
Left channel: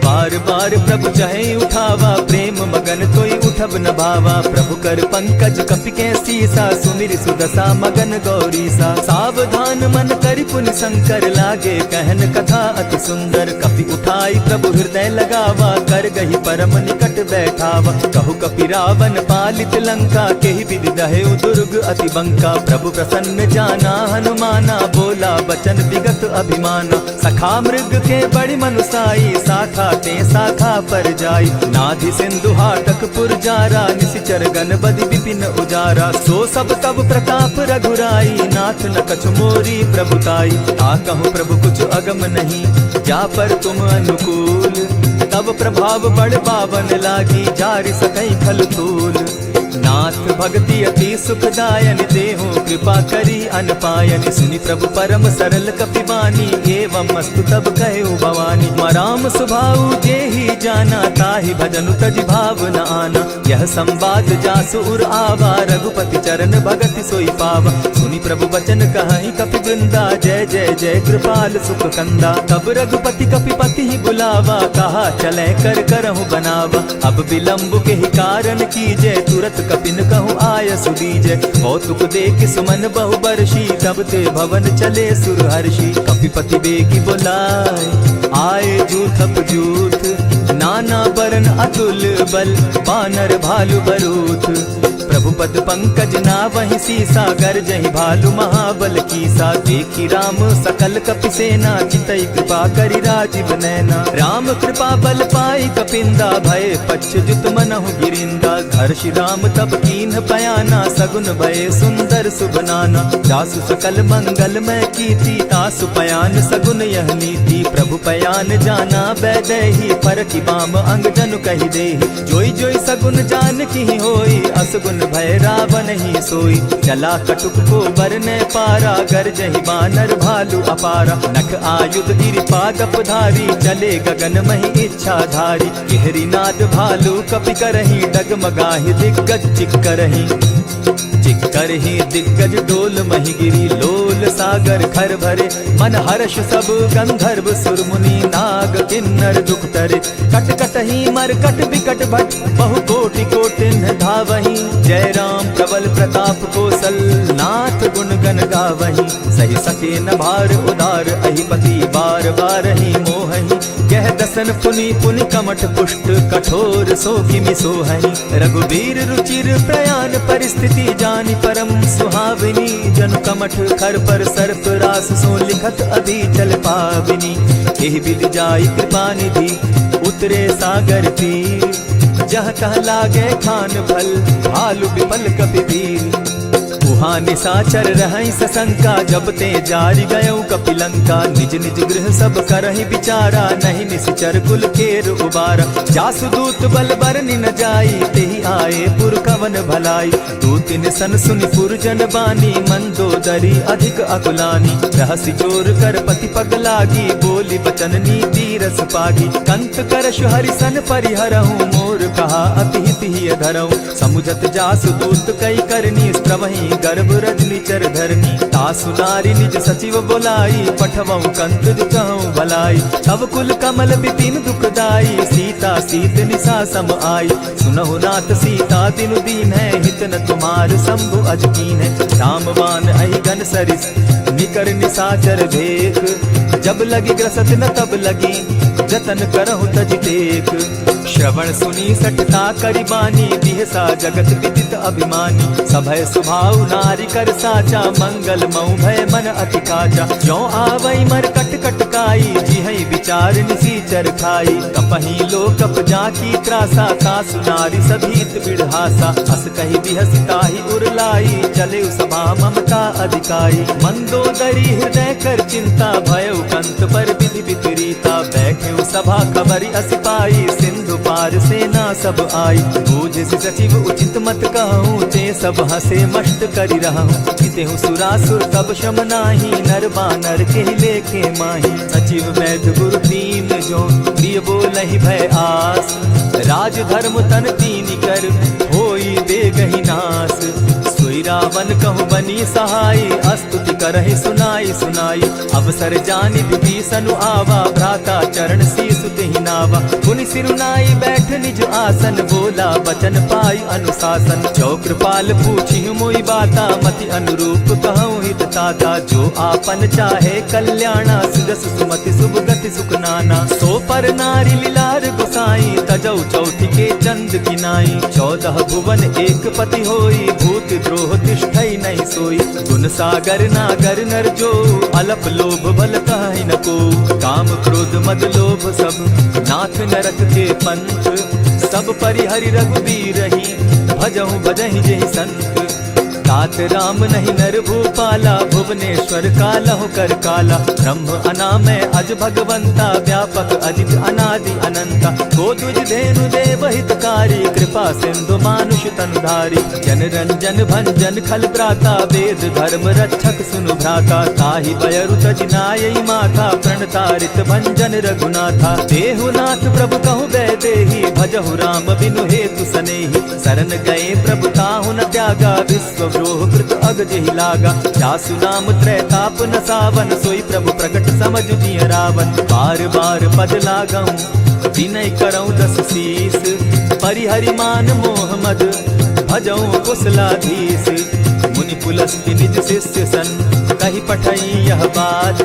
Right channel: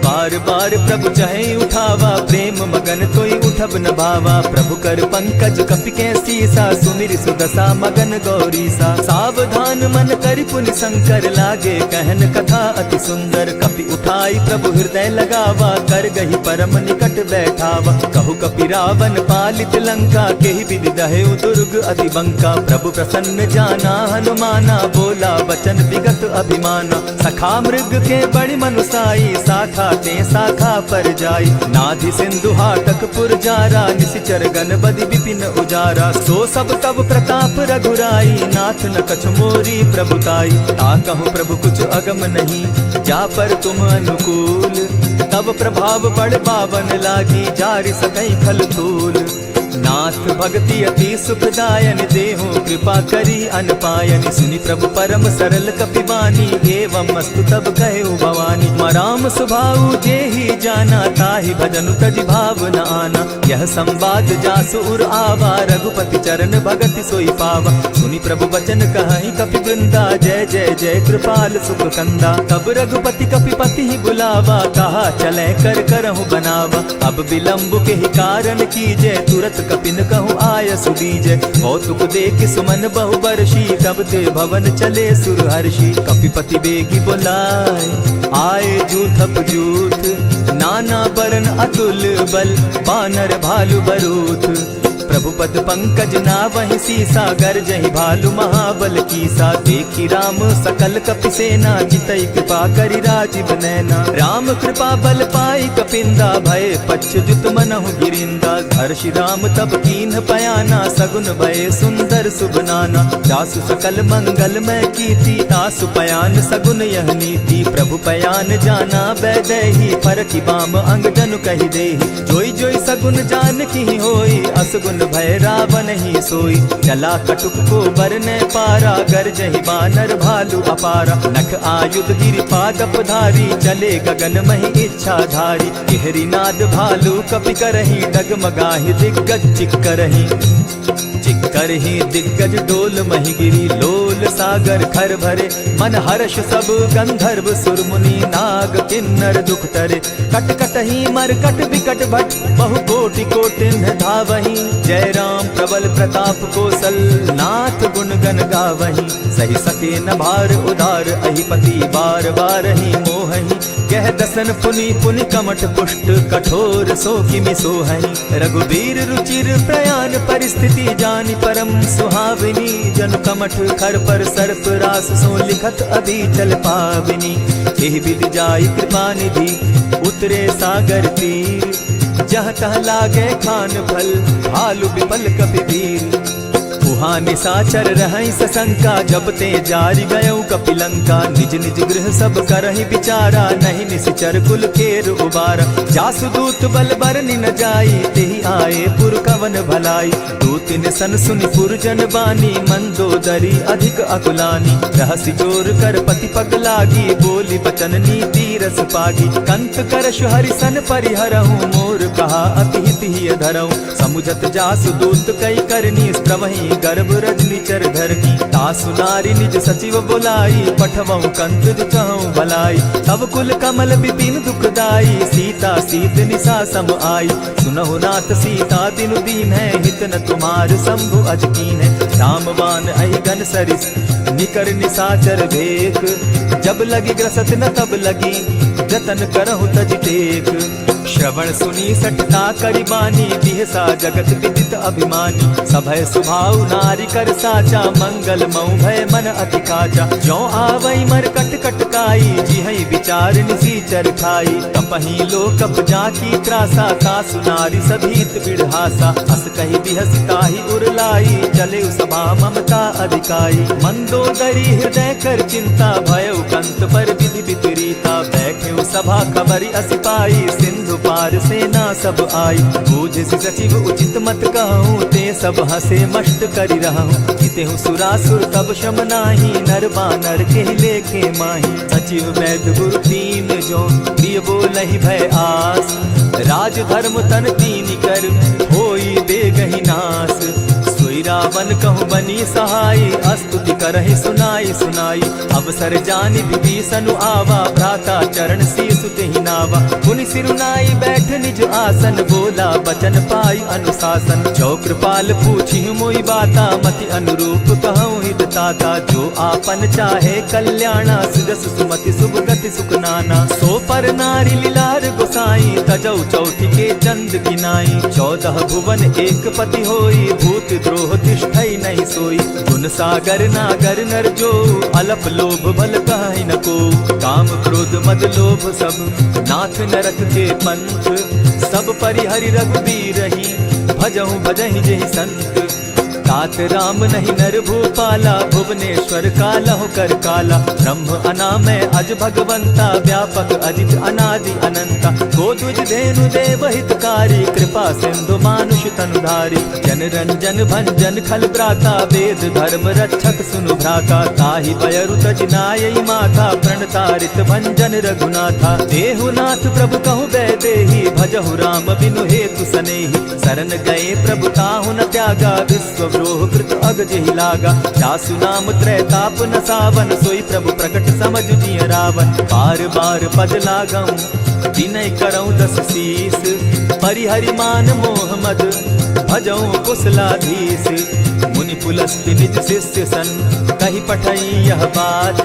बार बार प्रभु चहे उठावा, प्रेम मगन तोई उठब न भावा। प्रभु कर पंकज कपि के सीसा, सुमिर सुदशा मगन गौरीसा। सावधान मन करि पुनि शंकर, लागे कहन कथा अति सुंदर। कपि उठाई प्रभु हृदय लगावा, कर गही परम निकट बैठावा। कहु कपि रावण पालित लंका, केहि विधि दहेउ दुर्ग अति बंका। प्रभु प्रसन्न जाना हनुमाना, बोला बचन विगत अभिमाना। सखा मृग के बड़ि मनुसाई, साखा ते शाखा पर जाई। नाधि सिंधु हाटक पुर जारा, निशिचर गण बदि विपिन उजारा। सो सब तब प्रताप रघुराई, नाथ न कछु मोरी प्रभुताई। ता कहूँ प्रभु कुछ अगम नहीं, जा पर तुम अनुकूल। तब प्रभाव बड़ पावन लागी, जारि सकई खल तूल। नाथ भक्ति अति सुखदायन, देहु कृपा करी अनपायनि। सुनि प्रभु परम सरल कपिवानी, एवं मस्तु तब कहु भवानी। मराम सुभाऊ जेहि जाना, ताहि भजनु तजि भाव न आना। यह संवाद जासु उर आवा, रघुपति चरण भगति सोई पावा। सुनि प्रभु बचन कहि कपि वृंदा, जय जय जय कृपाल सुख कंदा। तब रघुपति कपिपति ही बुलावा, कहा चले कर करहु बनावा। अब विलंब के ही कारण कीजे, तुरत कपिन कहूँ आय सुदीजय। कौतुक देख सुमन बहु बरसी, तब ते भवन चले सुर हर्षि। कपिपति बेगी बोलाए, आए जूथप जूथ। नाना बरन अतुल बल, बानर भालु बरूथ। प्रभु पद पंकज नावहि सीसा, गरजहि भालु महाबल कीसा। देखी राम सकल कपि सेना, चितई कृपा करि राजीव नैना। राम कृपा बल पाई कपिंदा, भय पच्युत मनहु गिरिंदा। हर्षि राम तब कीन्ह पयाना, सगुन भय सुंदर शुभ नाना। जासु सकल मंगल मैं कीर्ति, तासु पयान सगुन यह नीति। प्रभु पयान जाना बैदेही, फरकि बाम अंग जनु कहि देहि। जोई जोई सगुन जान की होई, असगुन भय रावण ही सोई। चला कटुक को बरने पारा, गरजहि बानर भालु अपारा। नख आयुध गिरि पादप धारी, चले गगन महि इच्छा धारी। केहरी नाद भालु कपि करहि, डगमगाहि दिग्गज चिक्करहि। चिक्करहि दिग्गज डोल महि गिरी, लोल सागर खर भरे। मन हर्ष सब गंधर्व सुर मुनि, नाग किन्नर दुख तरे। कट कटहि मरकट बिकट भट, बहु कोटि कोटिन्ह धावहि। जय राम प्रबल प्रताप कौशल, नाथ गुण गण गावहि। सही सके न भार उदार, अहिपति बार बार ही मोहहि। कह दसन पुनि पुनि कमठ पुष्ट, कठोर सो किमि सोहहि। रघुबीर रुचिर प्रयाण परिस्थिति, जानि परम सुहाविनी। जनु कमठ खर पर सर्प रास, सो लिखत अभी चल पाविनी। एहि विधि जाई कृपा निधि, उतरे सागर तीर। जहाँ तह लागे खान फल, भालु विपल कपि वीर। उहाँ निशाचर रहई सशंका, जब ते जारी गयऊ कपिलंका। निज निज गृह सब करहि विचारा, नहीं निशिचर कुल केर उबारा। जासु दूत बल बरनि न जाई, तेहि आए पुर कवन भलाई। दूतिन सन सुनि पुरजन बानी, मंदोदरी अधिक अकुलानी। रहसि जोर कर पति पग लागी, बोली बचन नीति रस पागी। कंत करश हरि सन परिहरहु, मोर कहा अति हित ही धरहु। समुझत जासु दूत कई करनी, स्त्रवहि गर्भ रजनी चर धरनी। तासु नारी निज सचिव बोलाई, पठवहु कंत दुचहु भलाई। तब कुल कमल विपिन दुखदाई, सीता सीत निशा सम आई। सुनहु नाथ सीता तिनु दीन है, हित न तुम्हार शंभु अजकीन है। रामवान अहिगन सरिस निकर निशाचर भेक, जब लगी ग्रसत न तब लगी, जतन करहु तज टेक। श्रवण सुनी सठता करिबानी, बिहसा जगत विदित अभिमानी। सभय सुभाव नारी कर साचा, मंगल मऊ भय मन अति काचा। जो आवई मर कट कट काई, जिहई विचार निसीचर खाई। कपही लो कप जाकी त्रासा, तासु नारी सभीत बिढ़ासा। अस कही बिहसिता ही उरलाई, चले सभा ममता अधिकाई। मंदोदरी हृदय कर चिंता, भयउ कंत पर विधि विपरीता। बैठे सभा खबरी अस पाई, सिंधु पार सेना सब आई। बूझ सचिव उचित मत कहूँ, ते सब हसे मस्त करि रहूँ। कितेहु सुरासुर तब शम नाही, नर बानर के लेखे माही। सचिव वैद्य गुरु तीन जो, प्रिय बोलहि भय आस। राज धर्म तन तीन कर, होई दे गहि नास। सोई रावण कहु बनी सहाय, स्तुति करहि सुनाई सुनाई। अवसर जानि विभीषण आवा, भ्राता चरण शीसु तेहि नावा। पुनि सिरुनाई बैठ निज आसन, बोला बचन पाई अनुशासन। जो कृपाल पूछि मोई बाता, मति अनुरूप कहूँ हित ताता। जो आपन चाहे कल्याणा, सुजस सुमति शुभ गति सुख नाना। सो पर नारी लीलार गोसाई, तजौ चौथि के चंद गिनाई। 14 भुवन एक पति होई, भूत द्रोह तिष्ठई नहीं सोई। गुण सागर नागर नर जो, अलप लोभ बल कहि न को। काम क्रोध मद लोभ सब, नाथ नरक के पंथ। सब परिहरि रघुबीर रही, भजहु भजहि जेहि संत। तात राम नहीं नर भूपाला, भुवनेश्वर कालहु कर काला। ब्रह्म अनामय अज भगवंता, व्यापक अजित अनादि अनंता। गोदुज धेनु देव हितकारी, कृपा सिंधु मानुष तनुधारी। जन रंजन भंजन खल भ्राता, वेद धर्म रक्षक सुनु भ्राता। ताहि बयरु तज नायई माथा, प्रणतारित भंजन रघुनाथा। देहुनाथ प्रभु कहु बैदेही, भजहु राम बिनु हेतु सनेही। शरण गए प्रभु ताहु न त्यागा, विश्व द्रोह कृत अग जेहि लागा। जासु नाम त्रैताप न सावन, सोई प्रभु प्रकट समझ जिय रावण। बार बार पद लागऊं, विनय करऊं 10 शीस। परिहरि मान मोह मद, भजऊं कुशलाधीश। मुनि पुलस्ति निज शिष्य सन, कही पठई यह बात।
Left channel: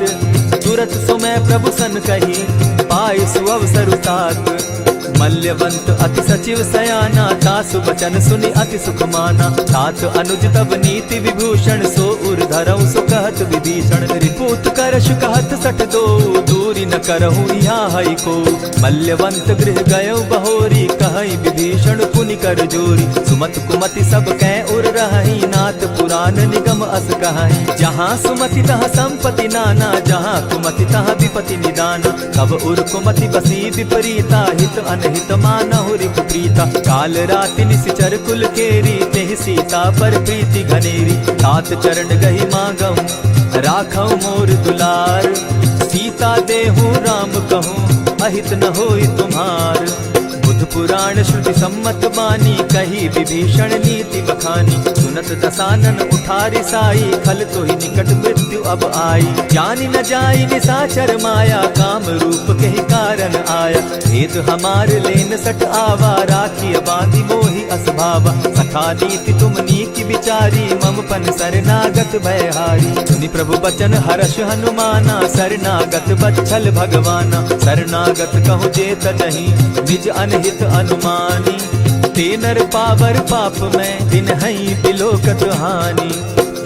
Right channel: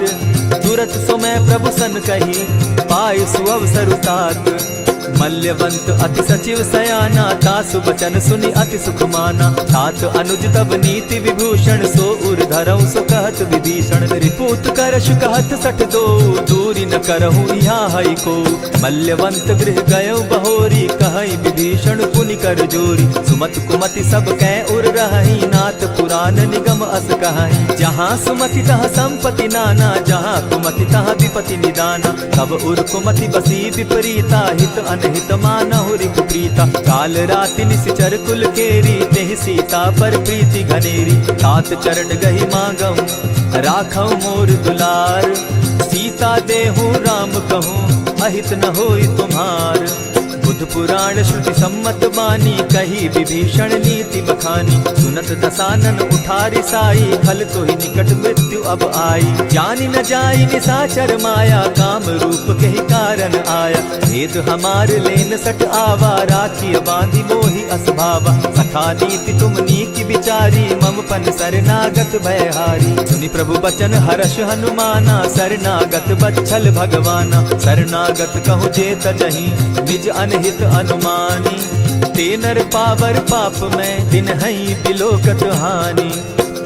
तुरत सो मैं प्रभु सन कही, पाई सुअवसर तात। मल्यवंत अति सचिव सयाना, तासु बचन सुनि अति सुख माना। तात अनुज तब नीति विभूषण, सो उर धरऊं सो कहत विभीषण। रिपुत करश कहत सठ दो, दूरी न करहूँ यहाँ हई को। मल्यवंत गृह गयो बहोरी, कहई विभीषण पुनि कर जोरी। सुमत कुमति सब कै उर रहई, नाथ पुराण निगम अस कहई। जहाँ सुमति तहाँ संपत्ति नाना, जहाँ कुमति तहाँ विपति निदाना। तब उर कुमति बसी विपरीता, हित अनहित मानहु रिपु प्रीता। काल राति निशिचर कुल केरी, तेहि सीता पर प्रीति घनेरी। तात चरण गहि मांगऊं, राखऊं मोर दुलार। सीता देहूं राम कहूं, अहित न होई तुम्हार। बुध पुराण श्रुति सम्मत बानी, कही विभीषण नीति बखानी। सुनत दसानन उठारी साई, खल तो ही निकट मृत्यु अब आई। जानी न जाई निशाचर माया, काम रूप के ही कारण आया। भेद हमार लेन सट आवा, राखी बांधी मोहि असभावा। सखा नीति तुम नीति विचारी, मम पन शरणागत भयहारी। सुनि प्रभु बचन हर्ष हनुमाना, शरणागत बच्छल भगवाना। शरणागत कहु जे तजहि, निज अनहित अनुमानी। ते नर पावर पाप में, दिन हई बिलोकत हानि।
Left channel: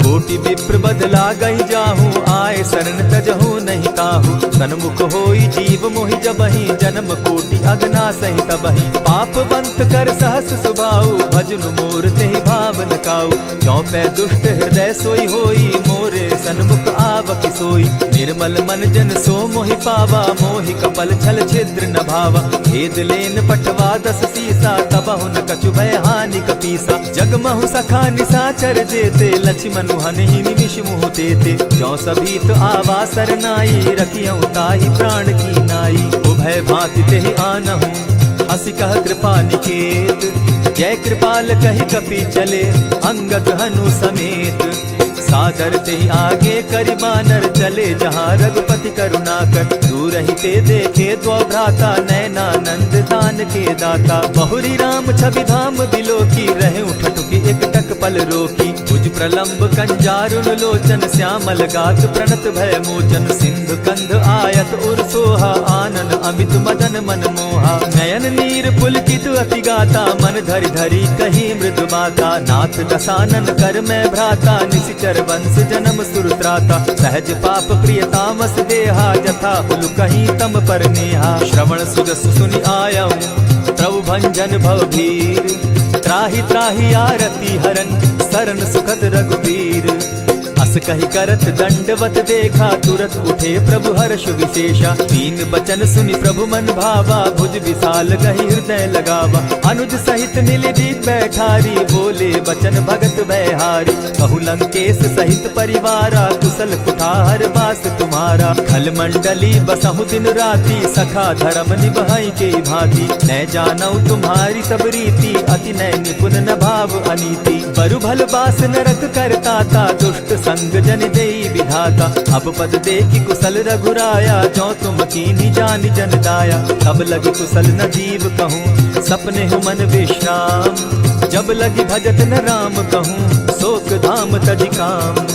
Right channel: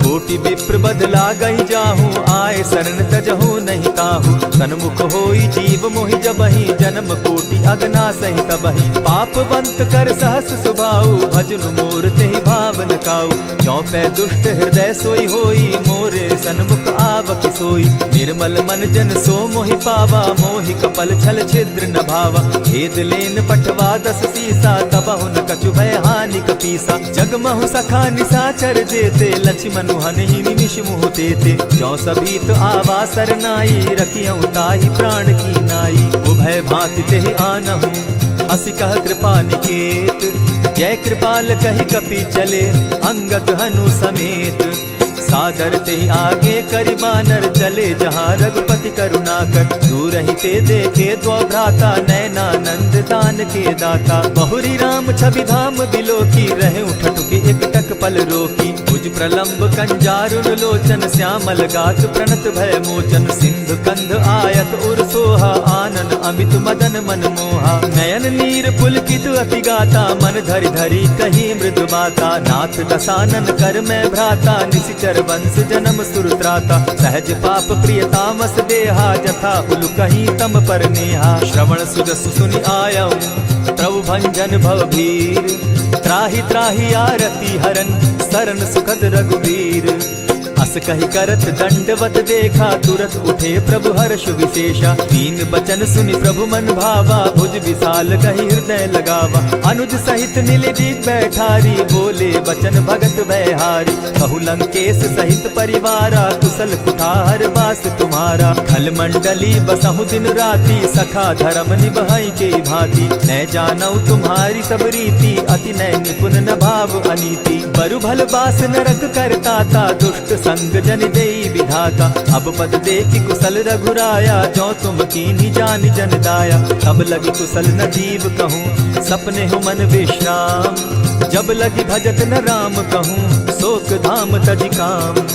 कोटि विप्र बदला गई जाहू, आए शरण तजहू नहीं ताहू। सन्मुख होई जीव मोहि जबहि, जन्म कोटि अगना सही तबहि। पाप बंत कर सहस सुभाऊ, भजनु मोर तेहि भावन काऊ। चौपै दुष्ट हृदय सोई होई, मोरे सन्मुख आवक सोई। निर्मल मन जन सो मोहि पावा, मोहि कपल छल छिद्र न भावा। भेद लेन पठवा 10 सीसा, तबहु न कछु भय हानि कपीसा। जगमहु सखा निसाचर जेते, लक्ष्मनु हनहि निमिष मुह तेते। जो सभीत आवा सरनाई, रखियऊ ताहि प्राण की नाई। उभय भांति तेहि आनहु, हसी कह कृपा निकेत। जय कृपाल कहि कपि चले, अंगद हनु समेत। सादर ते आगे करि बानर चले, जहाँ रघुपति करुणाकर। दूर ही ते देखे दो भ्राता, नैनानंद दान के दाता। बहुरी राम छवि धाम बिलोकी, रहे ठठुकी एक टक पल रोकी। भुज प्रलंब कंजारुन लोचन, श्यामल गात प्रणत भय मोचन। सिंधु कंध आयत उर सोहा, आनन अमित मदन मन मोहा। नयन नीर पुलकित अति गाता, मन धरि धरि कही मृदु बाता। नाथ दसानन कर मैं भ्राता, निशिचर वंश जन्म सुरत्राता। सहज पाप प्रिय तामस देहा, जथा उलु कहीं तम पर नेहा। श्रवण सुजस सुनि आयऊ, प्रभु भंजन भव भीर। त्राहि त्राहि आरती हरन, सरन सुखद रघुबीर। अस कहि करत दंडवत देखा, तुरत उठे प्रभु हर्ष विशेषा। दीन बचन सुनि प्रभु मन भावा, भुज विशाल कहि हृदय लगावा। अनुज सहित नीलदीप बैठारी, बोले बचन भगत भयहारी। कहु लंकेश सहित परिवारा, कुशल कुठार बास तुम्हारा। खल मंडली बसहु दिन राति, सखा धर्म निभाई के भांति। न जानऊ तुम्हारी सब रीति, अति नय निपुण न भाव अनीति। बरु भल बास नरक करताता, दुष्ट संग जन देई विधाता। अब पद देखि कुशल रघुराया, जो तुम कीन्ही जानि जन दाया। तब लगी कुशल न जीव कहूँ, सपने हो मन विश्राम। जब लगी भजत न राम कहूँ, शोक धाम तजि काम।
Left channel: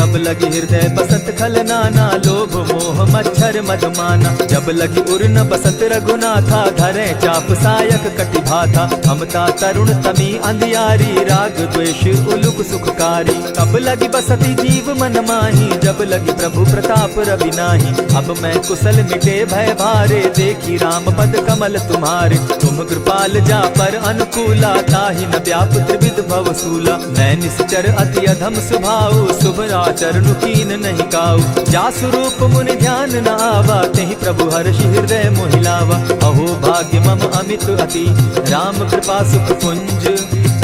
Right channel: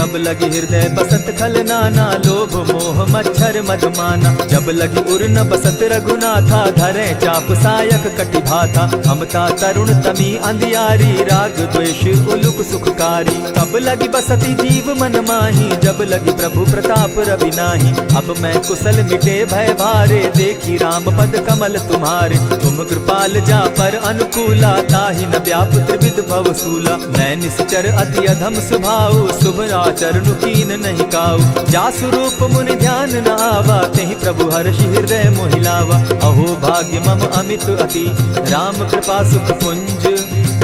तब लगी हृदय बसत खल नाना, लोभ मोह मच्छर मदमाना। जब लगी उर न बसत रघुनाथा, धरे चाप सायक कटि भाथा। ममता तरुण तमी अंधियारी, राग द्वेष उलुक सुखकारी। तब लगी बसती जीव मन माही, जब लगी प्रभु प्रताप रवि नाही। अब मैं कुशल मिटे भय भारे, देखी राम पद कमल तुम्हारे। तुम कृपाल जा पर अनुकूला, ताहि न व्याप त्रिविध भव सूला। मैं निश्चर अति अधम स्वभाव, शुभ चरणु कीन नहीं काऊ। जासु रूप मुनि ध्यान न आवा, तेहि प्रभु हर्षि हृदय मोहिलावा। अहो भाग्य मम अमित अति, राम कृपा सुख पुंज।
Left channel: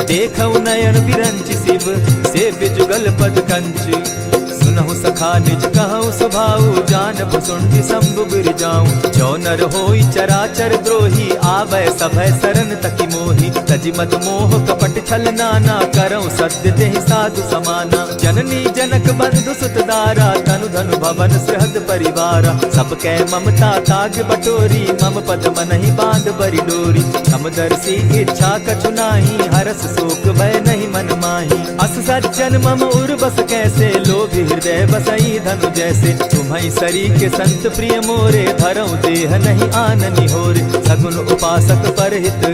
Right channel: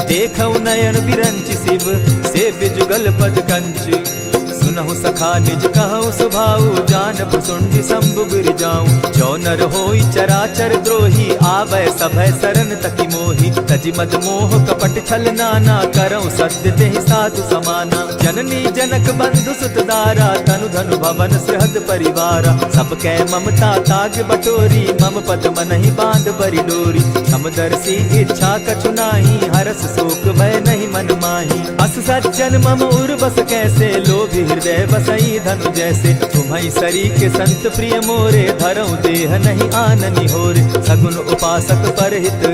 देखऊ नयन बिरंच शिव, सेव्य जुगल पद कंच। सुनहु सखा निज कहूँ सुभाऊ, जानब सुंडि शंभु गिर जाऊं। जो नर होई चराचर द्रोही, आवे सभय सरन तकी मोही। तजि मद मोह कपट छल नाना, करऊँ सत्य तेहि साधु समाना। जननी जनक बंधु सुत दारा, तनु धनु भवन सृहद परिवारा। सब कै ममता ताग बटोरी, मम पद मनहि बांध बरि डोरी। समदर्शी इच्छा कछु नाही, हरस शोक भय नहीं मन माही। अस सज्जन मम उर बस कैसे, लोभी हृदय बसई धनु जैसे। तुम्हि सरी के संत प्रिय मोरे, धरऊ देह नहीं आननि होरे। सगुन उपासक परहित,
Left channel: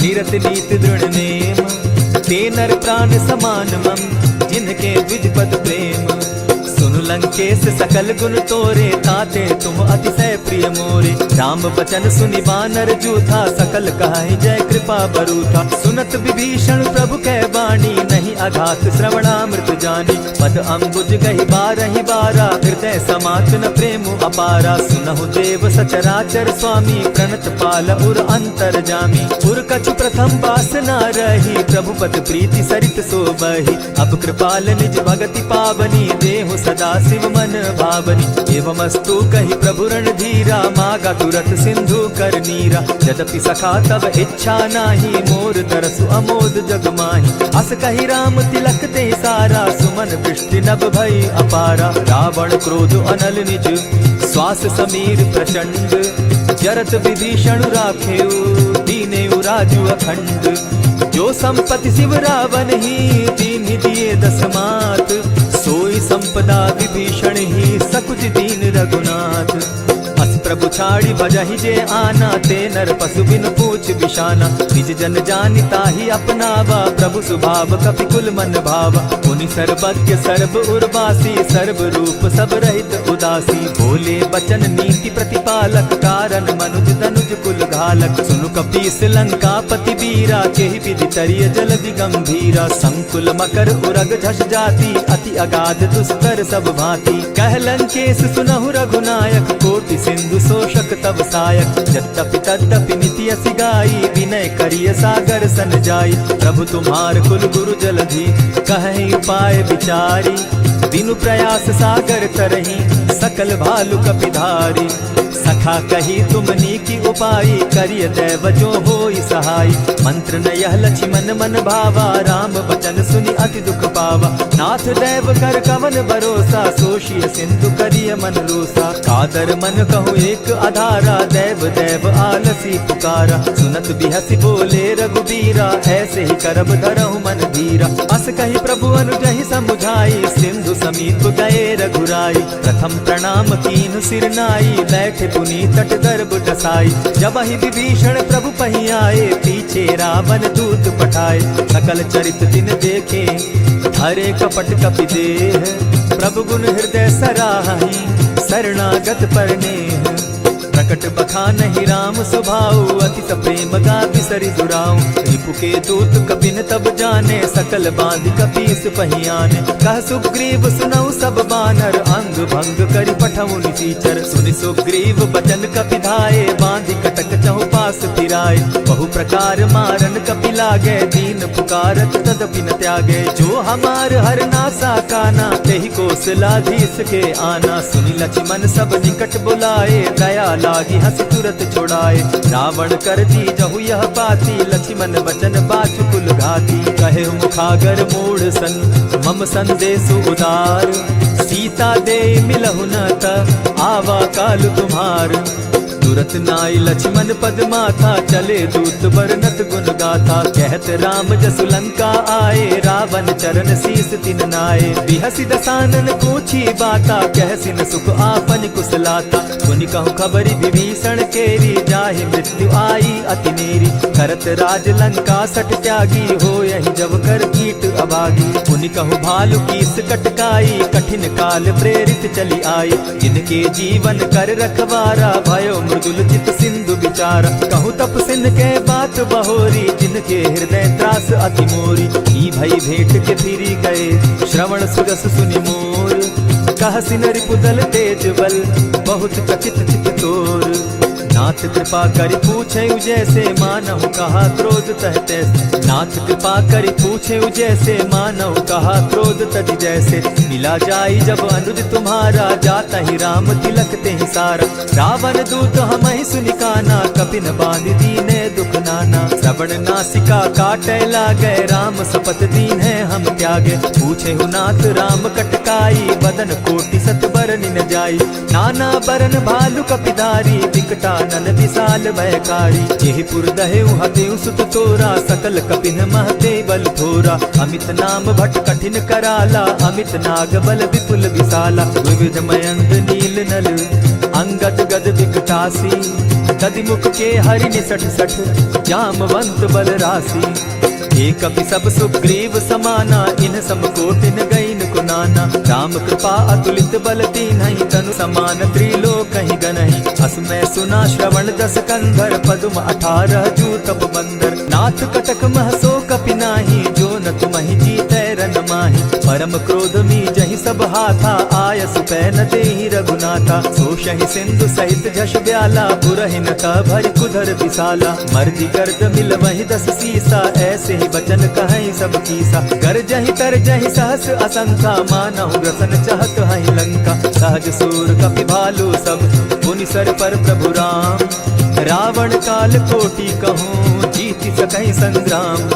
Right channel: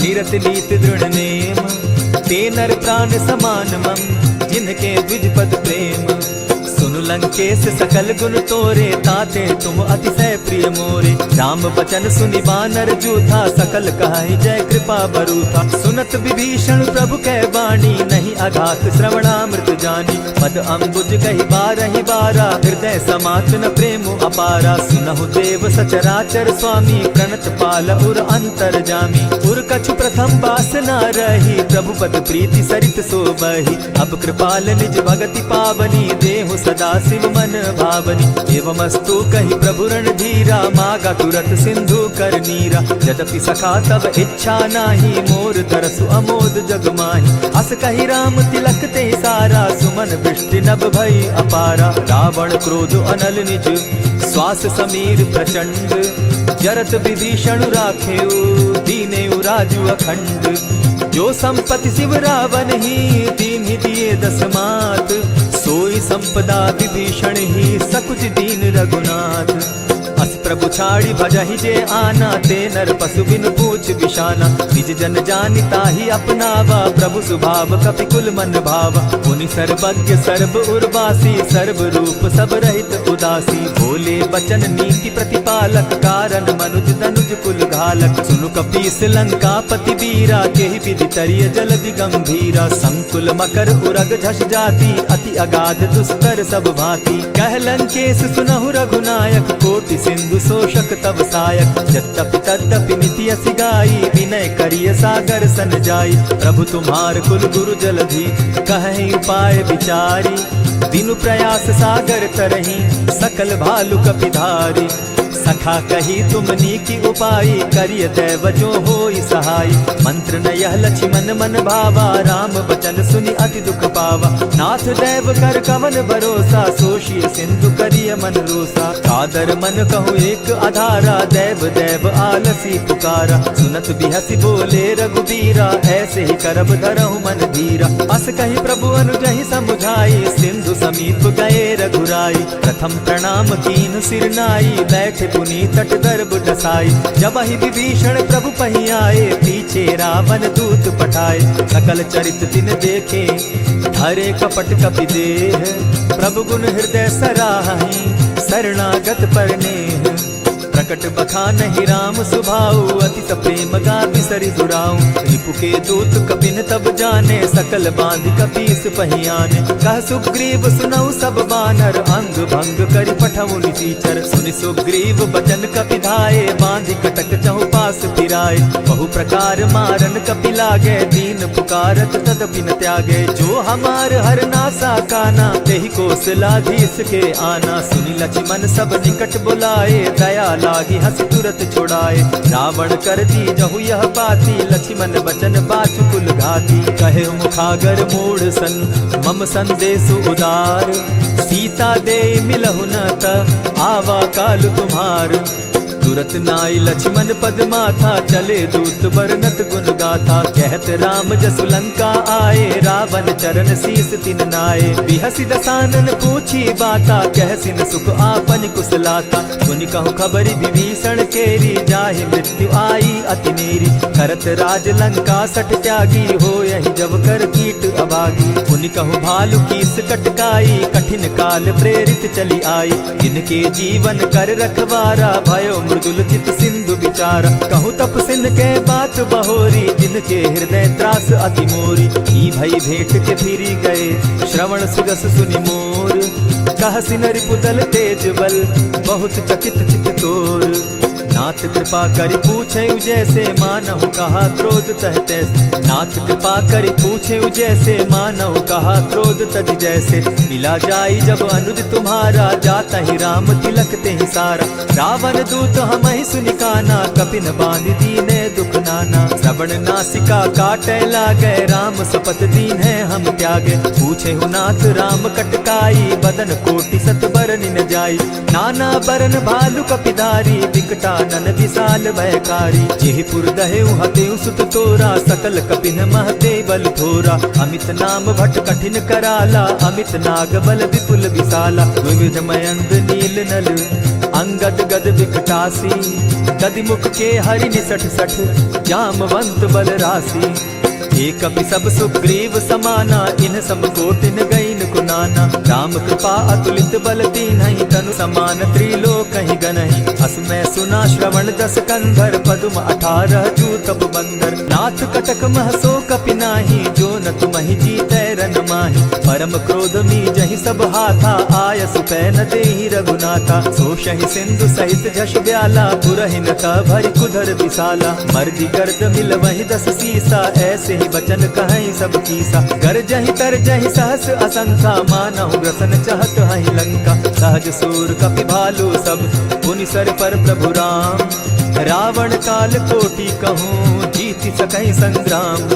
निरत नीत दृढ़ नेम। ते नर प्राण समान मम, जिनके द्विज पद प्रेम। सुनु लंकेश सकल गुण तोरे, ताते तुम अतिशय प्रिय मोरे। राम बचन सुनि बानर जूथा, सकल कहाई जय कृपा बरूथा। सुनत विभीषण प्रभु कै बाणी, नहीं अघात श्रवणामृत जानी। पद अम्बुज गहि बारहि बारा, हृदय समात न प्रेम अपारा। सुनहु देव सचराचर स्वामी, प्रणत पाल उर अंतर जामी। उर कछु प्रथम बासना रही, प्रभु पद प्रीति सरित सोबहि। अब कृपाल निज भगति पावनी, देहु सदा शिव मन भावनी। एवमस्तु कहि प्रभु रणधीरा, मागा तुरत सिंधु कर नीरा। यद्यपि सखा तब इच्छा नाही, मोर तरसु अमोद जग माही। अस कहि राम तिलक ते सारा, सुमन वृष्टि नभ भई अपारा। रावण क्रोध अनल निज, श्वास समीर प्रचंड। जरत विभीषण राखेउ, दीनेउ राजु अखंड। जो संपत्ति शिव रावण ही, दीन्हि दिए 10 मात। सोई संपदा विभीषण ही, सकुच दीन रघुनाथ। हस प्रभु छाड़ी भजहि जे आना, ते नर पशु बिन पूछ बिशाना। निज जन जानि ताहि अपनावा, प्रभु स्वभाव कपि कुल मन भावा। पुनि सर्वज्ञ सर्व उर्वासी, सर्व रूप सब रहित उदासी। बोले बचन नीति प्रतिपालक, कारण मनुज तनुज कुल घालक। सुनु कपीस लंकापति वीरा, केहि विधि तरिय जलधि गंभीरा। संकुल मकर उरग झष जाति, अति अगाध दुस्तर सब भांति। कह लंकेश सुनहु रघुनायक, कोटि सिंधु शोषक तब सायक। यद्यपि तद्यपि निति असि गाई, विनय करिय सागर सन जाई। प्रभु तुम्हार कुल गुरु जलधि, कहि उपाय विचारी। दिनु प्रयास सागर तरही, सकल भालु कपिधारी। सखा कही तुमनी की उपाय, करिय दैव जो होई सहाय। मंत्र न यह लक्ष्मण मन भावा, राम बचन सुनि अति दुख पावा। नाथ दैव कर कवन भरोसा, सोषिय सिंधु करिय मन रोसा। कादर मन कहूँ एक आधारा, दैव दैव आलसी पुकारा। सुनत बिहसी बोले रघुबीरा, ऐसे ही करब धरहु मन धीरा। अस कही प्रभु अनुजहि समुझाई, सिंधु समीप गए रघुराई। प्रथम प्रणाम कीन सिर नाई, बैठे पुनि तट गर्भ डसाई। जब ही विभीषण प्रभु पही आए, पीछे रावण दूत पठाए। सकल चरित दिन देखे, धरे कपट कपि देह। प्रभु गुण हृदय सराहि, शरणागत पर नेह। प्रकट बखानहि राम सुभाऊ, अति प्रेम गा बिसरि दुराऊ। रिपु के दूत कपिन तब जाने, सकल बांधि कपीस पहियाने। कह सुग्रीव सुनऊ सब बानर, अंग भंग करि पठऊ निसीचर। सुनि सुग्रीव बचन कपि धाये, बांधि कटक चहु पास फिराए। बहु प्रकार मारन कपि लागे, दीन पुकारत तदपि न त्यागे। जो हमार हर नासा काना, तेहि कौशलाधीश के आना। सुनि लक्ष्मण सब निकट बुलाए, दया लागी हंसी तुरत छुड़ाए। रावण कर दी जहु यह बाती, लक्ष्मण बचन बाचु कुल घाती। कहे मुखागर मूढ़ सन, मम संदेश उदार। सीता दे मिलहु न त, आवा काल तुम्हार। तुरत नाई लक्ष्मण पद माथा, चले दूत बरनत गुण गाथा। कहत राम जसु लंका आए, रावण चरण शीस तिन नाये। बिहसी दसानन पूछी बाता, कहसिन सुख आपन कुशलाता। सुनि कहु खबरी विभीषण केरी, जाहि मृत्यु आई अति नेरी। करत राज लंका सट त्यागी, हो यही जब कर कीट अभागी। पुनि कहु भालु कीस कटकाई, कठिन काल प्रेरित चली आई। जिनके जीवन कर रखवारा, भयो मृदुल चित सिंधु विचार। कहु तप सिंध के बात बहोरी, जिनके हृदय त्रास अति मोरी। की भई भेंट के फिरी गए, श्रवण सुरस सुनि मोर। कह सिन रिपुदल तेज बल, बहुत चकित चित तोर। नाथ कृपा करि पूछे जैसे, मानहु कहा क्रोध तह तैसे। नाथ कृपा करि पूछे जैसे, मानहु कहा क्रोध तज जैसे। मिला जाई जब अनुज तुम्हारा, जाता ही राम तिलक ते ही सारा। रावण दूत हम ही सुनिकाना, कपिन बांध दीने दुख नाना। श्रवण नासिका काटे लागे, राम सपत दीन है हम त्यागे। पूछे हु नाथ राम कटकाई, बदन कोटि सत बरन न जाई। नाना बरन भालु कपिधारी, विकटा नन विशाल भयकारी। जेहिपुर दहेउ हतेउ सुत तोरा, सकल कपिन महते बल थोरा। अमित नाम भट कठिन कराला, अमित नाग बल विपुल विशाला। विविध मयंद नील नल, अंगद गद विकटासी। गद मुख के हरि निसठ सठ, जामवंत बल राशि। एक कपि सब सुग्रीव समाना, इन सम कोटिन गईन कुनाना। राम कृपा अतुलित बल दीन्हि, तनु समान त्रिलोक ही गनहि। अस मैं सुना श्रवण दस कंधर, पदुम 18 जूतब बंदर। नाथ कटक महसो कपि नाही, जो न तुमहि जीतै रन माहि। परम क्रोध मी जहि सब हाथा, आय सुपैन देहि रघुनाथा। सोषहि सिंधु सहित झष ब्याला, पुरहि न त भरि कुधर विशाला। मर्दि गर्द मिल वहि 10 सीसा, ऐसे बचन कहीं सब कीसा। कर जहि तर जहि सहस असंखा, मानहु ग्रसन चाहत हहि लंका। सहज सूर कपि भालु सब, पुनि सर पर प्रभु राम। रावण काल कोटि कहूँ, जीति सकहि संग्राम।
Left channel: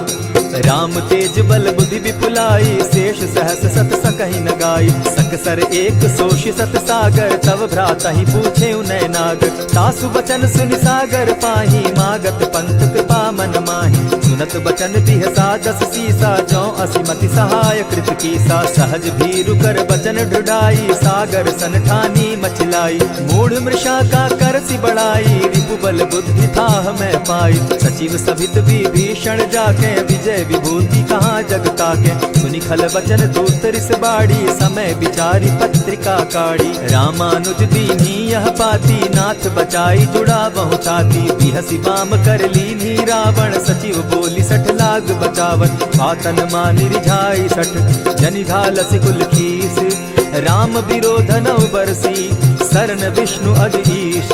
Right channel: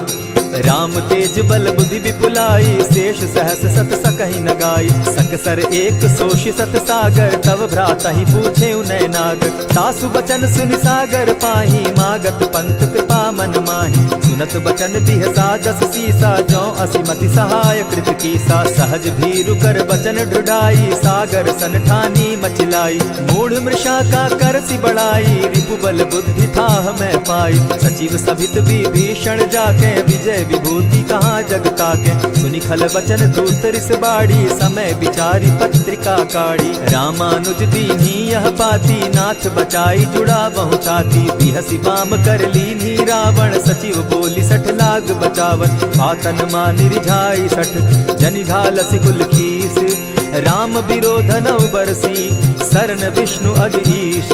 राम तेज बल बुद्धि विपुलाई, शेष सहस सत सकहि न गाई। सकसर एक सोषि सत सागर, तव भ्राता ही पूछे उनय नागर। तासु बचन सुनि सागर पाही, मागत पंत कृपा मन माही। सुनत बचन बिहसा जस सीसा, जौ असिमति सहाय कृत कीसा। सहज भीरु कर बचन ढुढ़ाई, सागर सन ठानी मचिलाई। मूढ़ मृषा का करसि बढ़ाई, रिपु बल बुद्धि थाह मैं पाई। सचिव सभित विभीषण जाके, विजय विभूति कहाँ जगता के। सुनि खल बचन दूत रिस बाड़ी, समय विचारी पत्रिका काढ़ी। रामानुज दीनी यह पाती, नाथ बचाई जुड़ा बहुताती। बिहसी बाम कर लीनी रावण, सचिव बोली सठ लाग बचावन। पातन मानि रिझाई सठ, जनि घालसि कुल खीस। राम विरोध नव बरसी, सरन विष्णु अज ईश।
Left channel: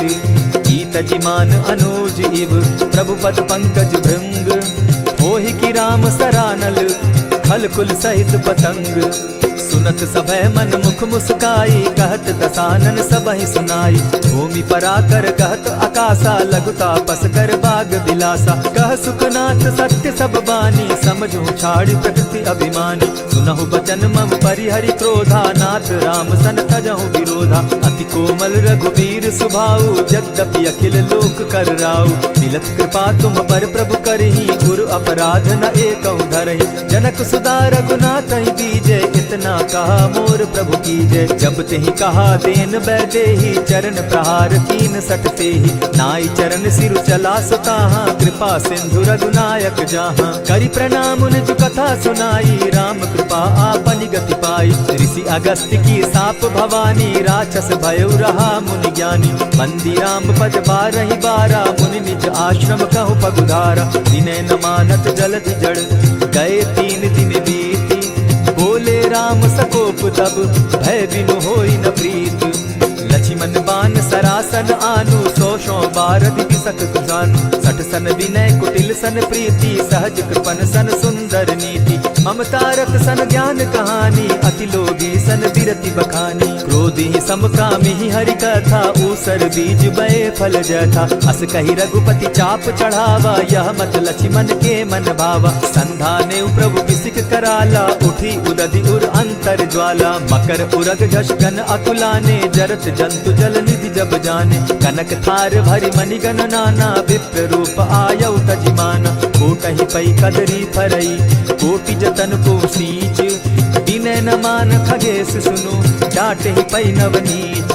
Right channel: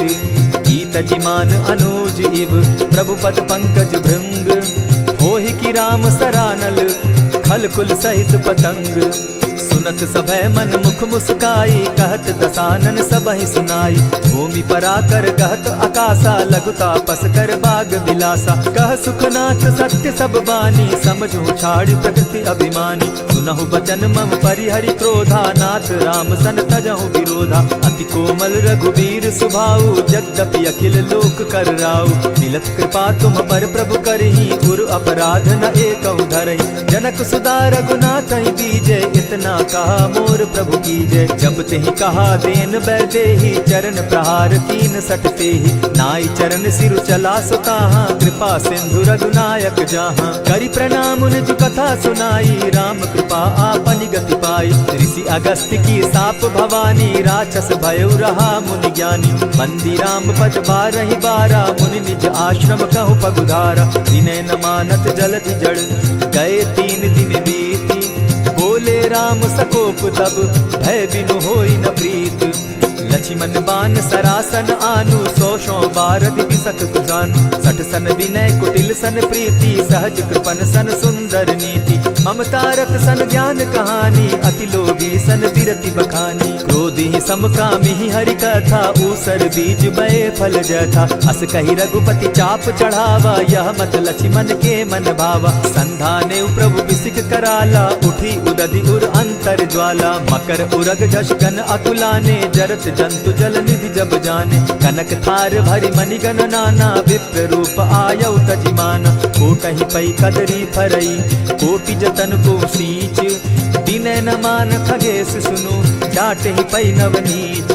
ईत जिमान अनुज इव, प्रभु पद पंकज भृंग। होहि की राम सरानल, खल कुल सहित पतंग। सुनत सभय मन मुख मुस्काई, कहत दसानन सबहि सुनाई। भूमि पराकर कहत आकाशा, लघु तापस कर बाग बिलासा। कह सुखनाथ सत्य सब बानी, समझू छाड़ प्रकृति अभिमानी। सुनहु बचन मम परिहरि क्रोधा, नाथ राम सन तजहु विरोधा। अति कोमल रघुबीर सुभाऊ, यद्यपि अखिल लोक कर राऊ। मिलत कृपा तुम पर प्रभु करही, गुरु अपराध न एकहु धरहि। जनक सुदा रघुनाथ दीजे, इतना कहा मोर प्रभु कीजय। जब तेहि कहा देन बैदेही, चरण प्रहार कीन सटते ही। नाई चरण सिरु चला सुताहा, कृपा सिंधु रघुनायक जाहा। करि प्रणाम निज कथा सुनाई, राम कृपा आपनि गति पाई। ऋषि अगस्त्य की साप भवानी, राक्षस भयउ रहा मुनि ज्ञानी। बंदी राम पद बारहि बारा, मुनि निज आश्रम कहु पगुधारा। विनय न मानत जलधि जड़, गए 3 दिन बीती। बोले राम सकोप तब, भय बिनु होई न प्रीत। लक्ष्मण बान सरासन आनु, 100 बारदि बिसक जानु। 60 सन विनय कुटिल सन प्रीति, सहज कृपन सन सुंदर नीति। ममता रत सन ज्ञान कहानी, अति लोभी सन बिरति बखानी। क्रोधी समकामी हरि कथा, ऊसर बीज बये फल जथा। अस कहि रघुपति चाप चढ़ावा, यह मत लक्ष्मण के मन भावा। संधाने प्रभु बिसिक कराला, उठी उदधि उर अंतर ज्वाला। मकर उरग झष गन अकुलाने, जरत जंतु जल निधि जब जाने। कनक थार भरी मणिगण नाना, विप्र रूप आयउ तजिमाना। कोटहि पै कदरी फरई, कोटि जतन को सींच। विनय न मान खगेश सुनु, डांटहि पै नवनीच।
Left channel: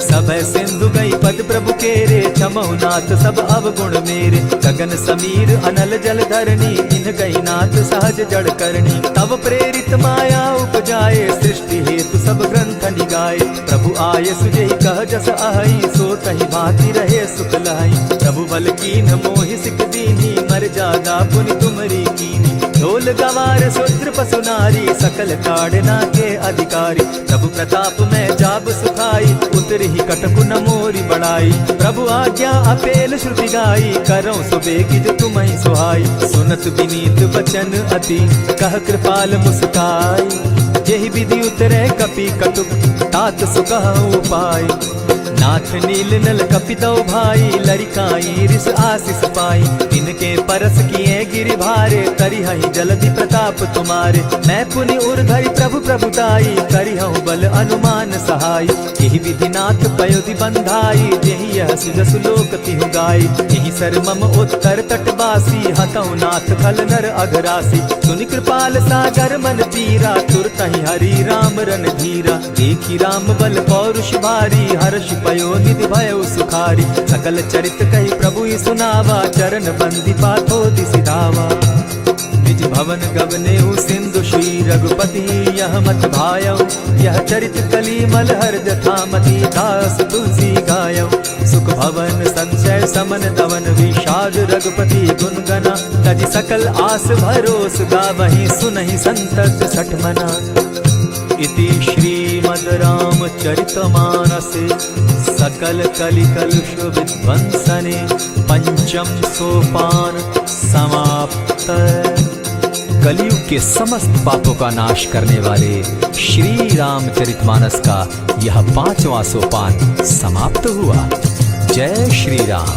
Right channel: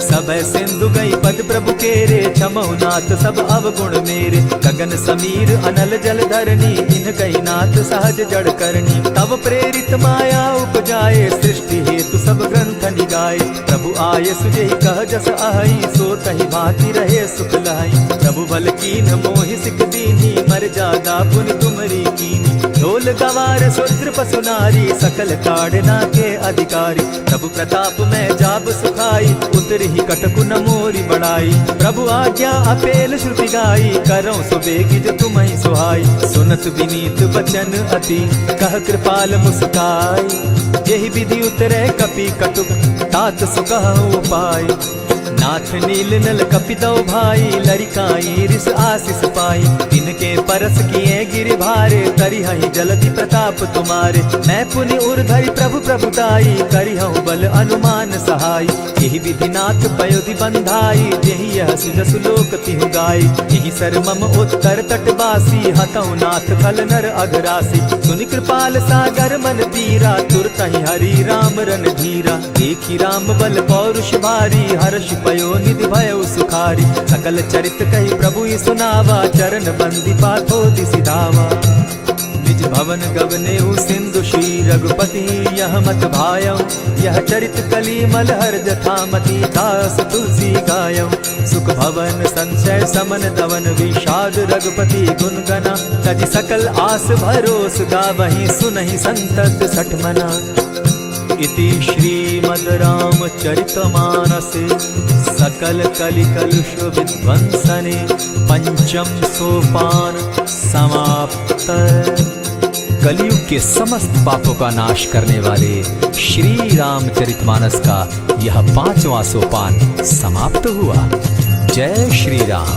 सब सिंधु गई पद प्रभु केरे, क्षमहु नाथ सब अवगुण मेरे। गगन समीर अनल जल धरनी, इन गई नाथ सहज जड़ करनी। तब प्रेरित माया उपजाए, सृष्टि हेतु सब ग्रंथ निगाए। प्रभु आये सुजेहि कह जस अहई, सो तहि भांति रहे सुख लहई। प्रभु बल कीन मोहि सिख दीनी, मर जादा पुनि तुमरी कीनी। ढोल गवार शूद्र पशु नारी, सकल ताड़ना के अधिकारी। प्रभु प्रताप में जाब सुखाई, उतरि कटकु न मोरी बड़ाई। प्रभु आज्ञा अपेल श्रुति गाई, करऊं सुबेगी जो तुम्हि सुहाई। सुनत विनीत बचन अति, कह कृपाल मुस्काई। जेहि विधि उतरे कपि कटुक, तात सुकहु उपाय। नाथ नील नल कपितौ भाई, लरिकाई रिस आशीष पाई। तिनके परस किए गिरि भारे, तरिहहि जलधि प्रताप तुम्हारे। मैं पुनि उर्धरि प्रभु प्रभुताई, करिहउ बल अनुमान सहाय। यही विधि नाथ पयोधि बंधाई, जेहि यह सुजसु लोक तिहु गाई। यही सर मम उत्तर तटवासी, हतौ नाथ खल नर अघरासी। सुनि कृपाल सागर मन तीरा, तुरतहि हरि राम रन धीरा। देखी राम बल पौरुष भारी, हर्ष पयो निधि भयउ सुखारी। सकल चरित कहि प्रभु सुनावा, चरण बंदी पाथो दिसि धावा। निज भवन गवनेउ सिंधु श्री रघुपति, यह मत भायउ। यह चरित कली मलहर जथामति, दास तुलसी गायउ। सुख भवन संशय समन दवन, विषाद रघुपति गुण गना। तजि सकल आस भरोस, गावहि सुनहि संतत सठ मना। इति श्रीमद् रामचरितमानसे, सकल कलिकलुष विध्वंसने। पंचम सोपान समाप्त। कलयुग के समस्त पापों का नाश करने वाले श्री रामचरितमानस का यह 5वां सोपान समाप्त हुआ। जय श्री राम।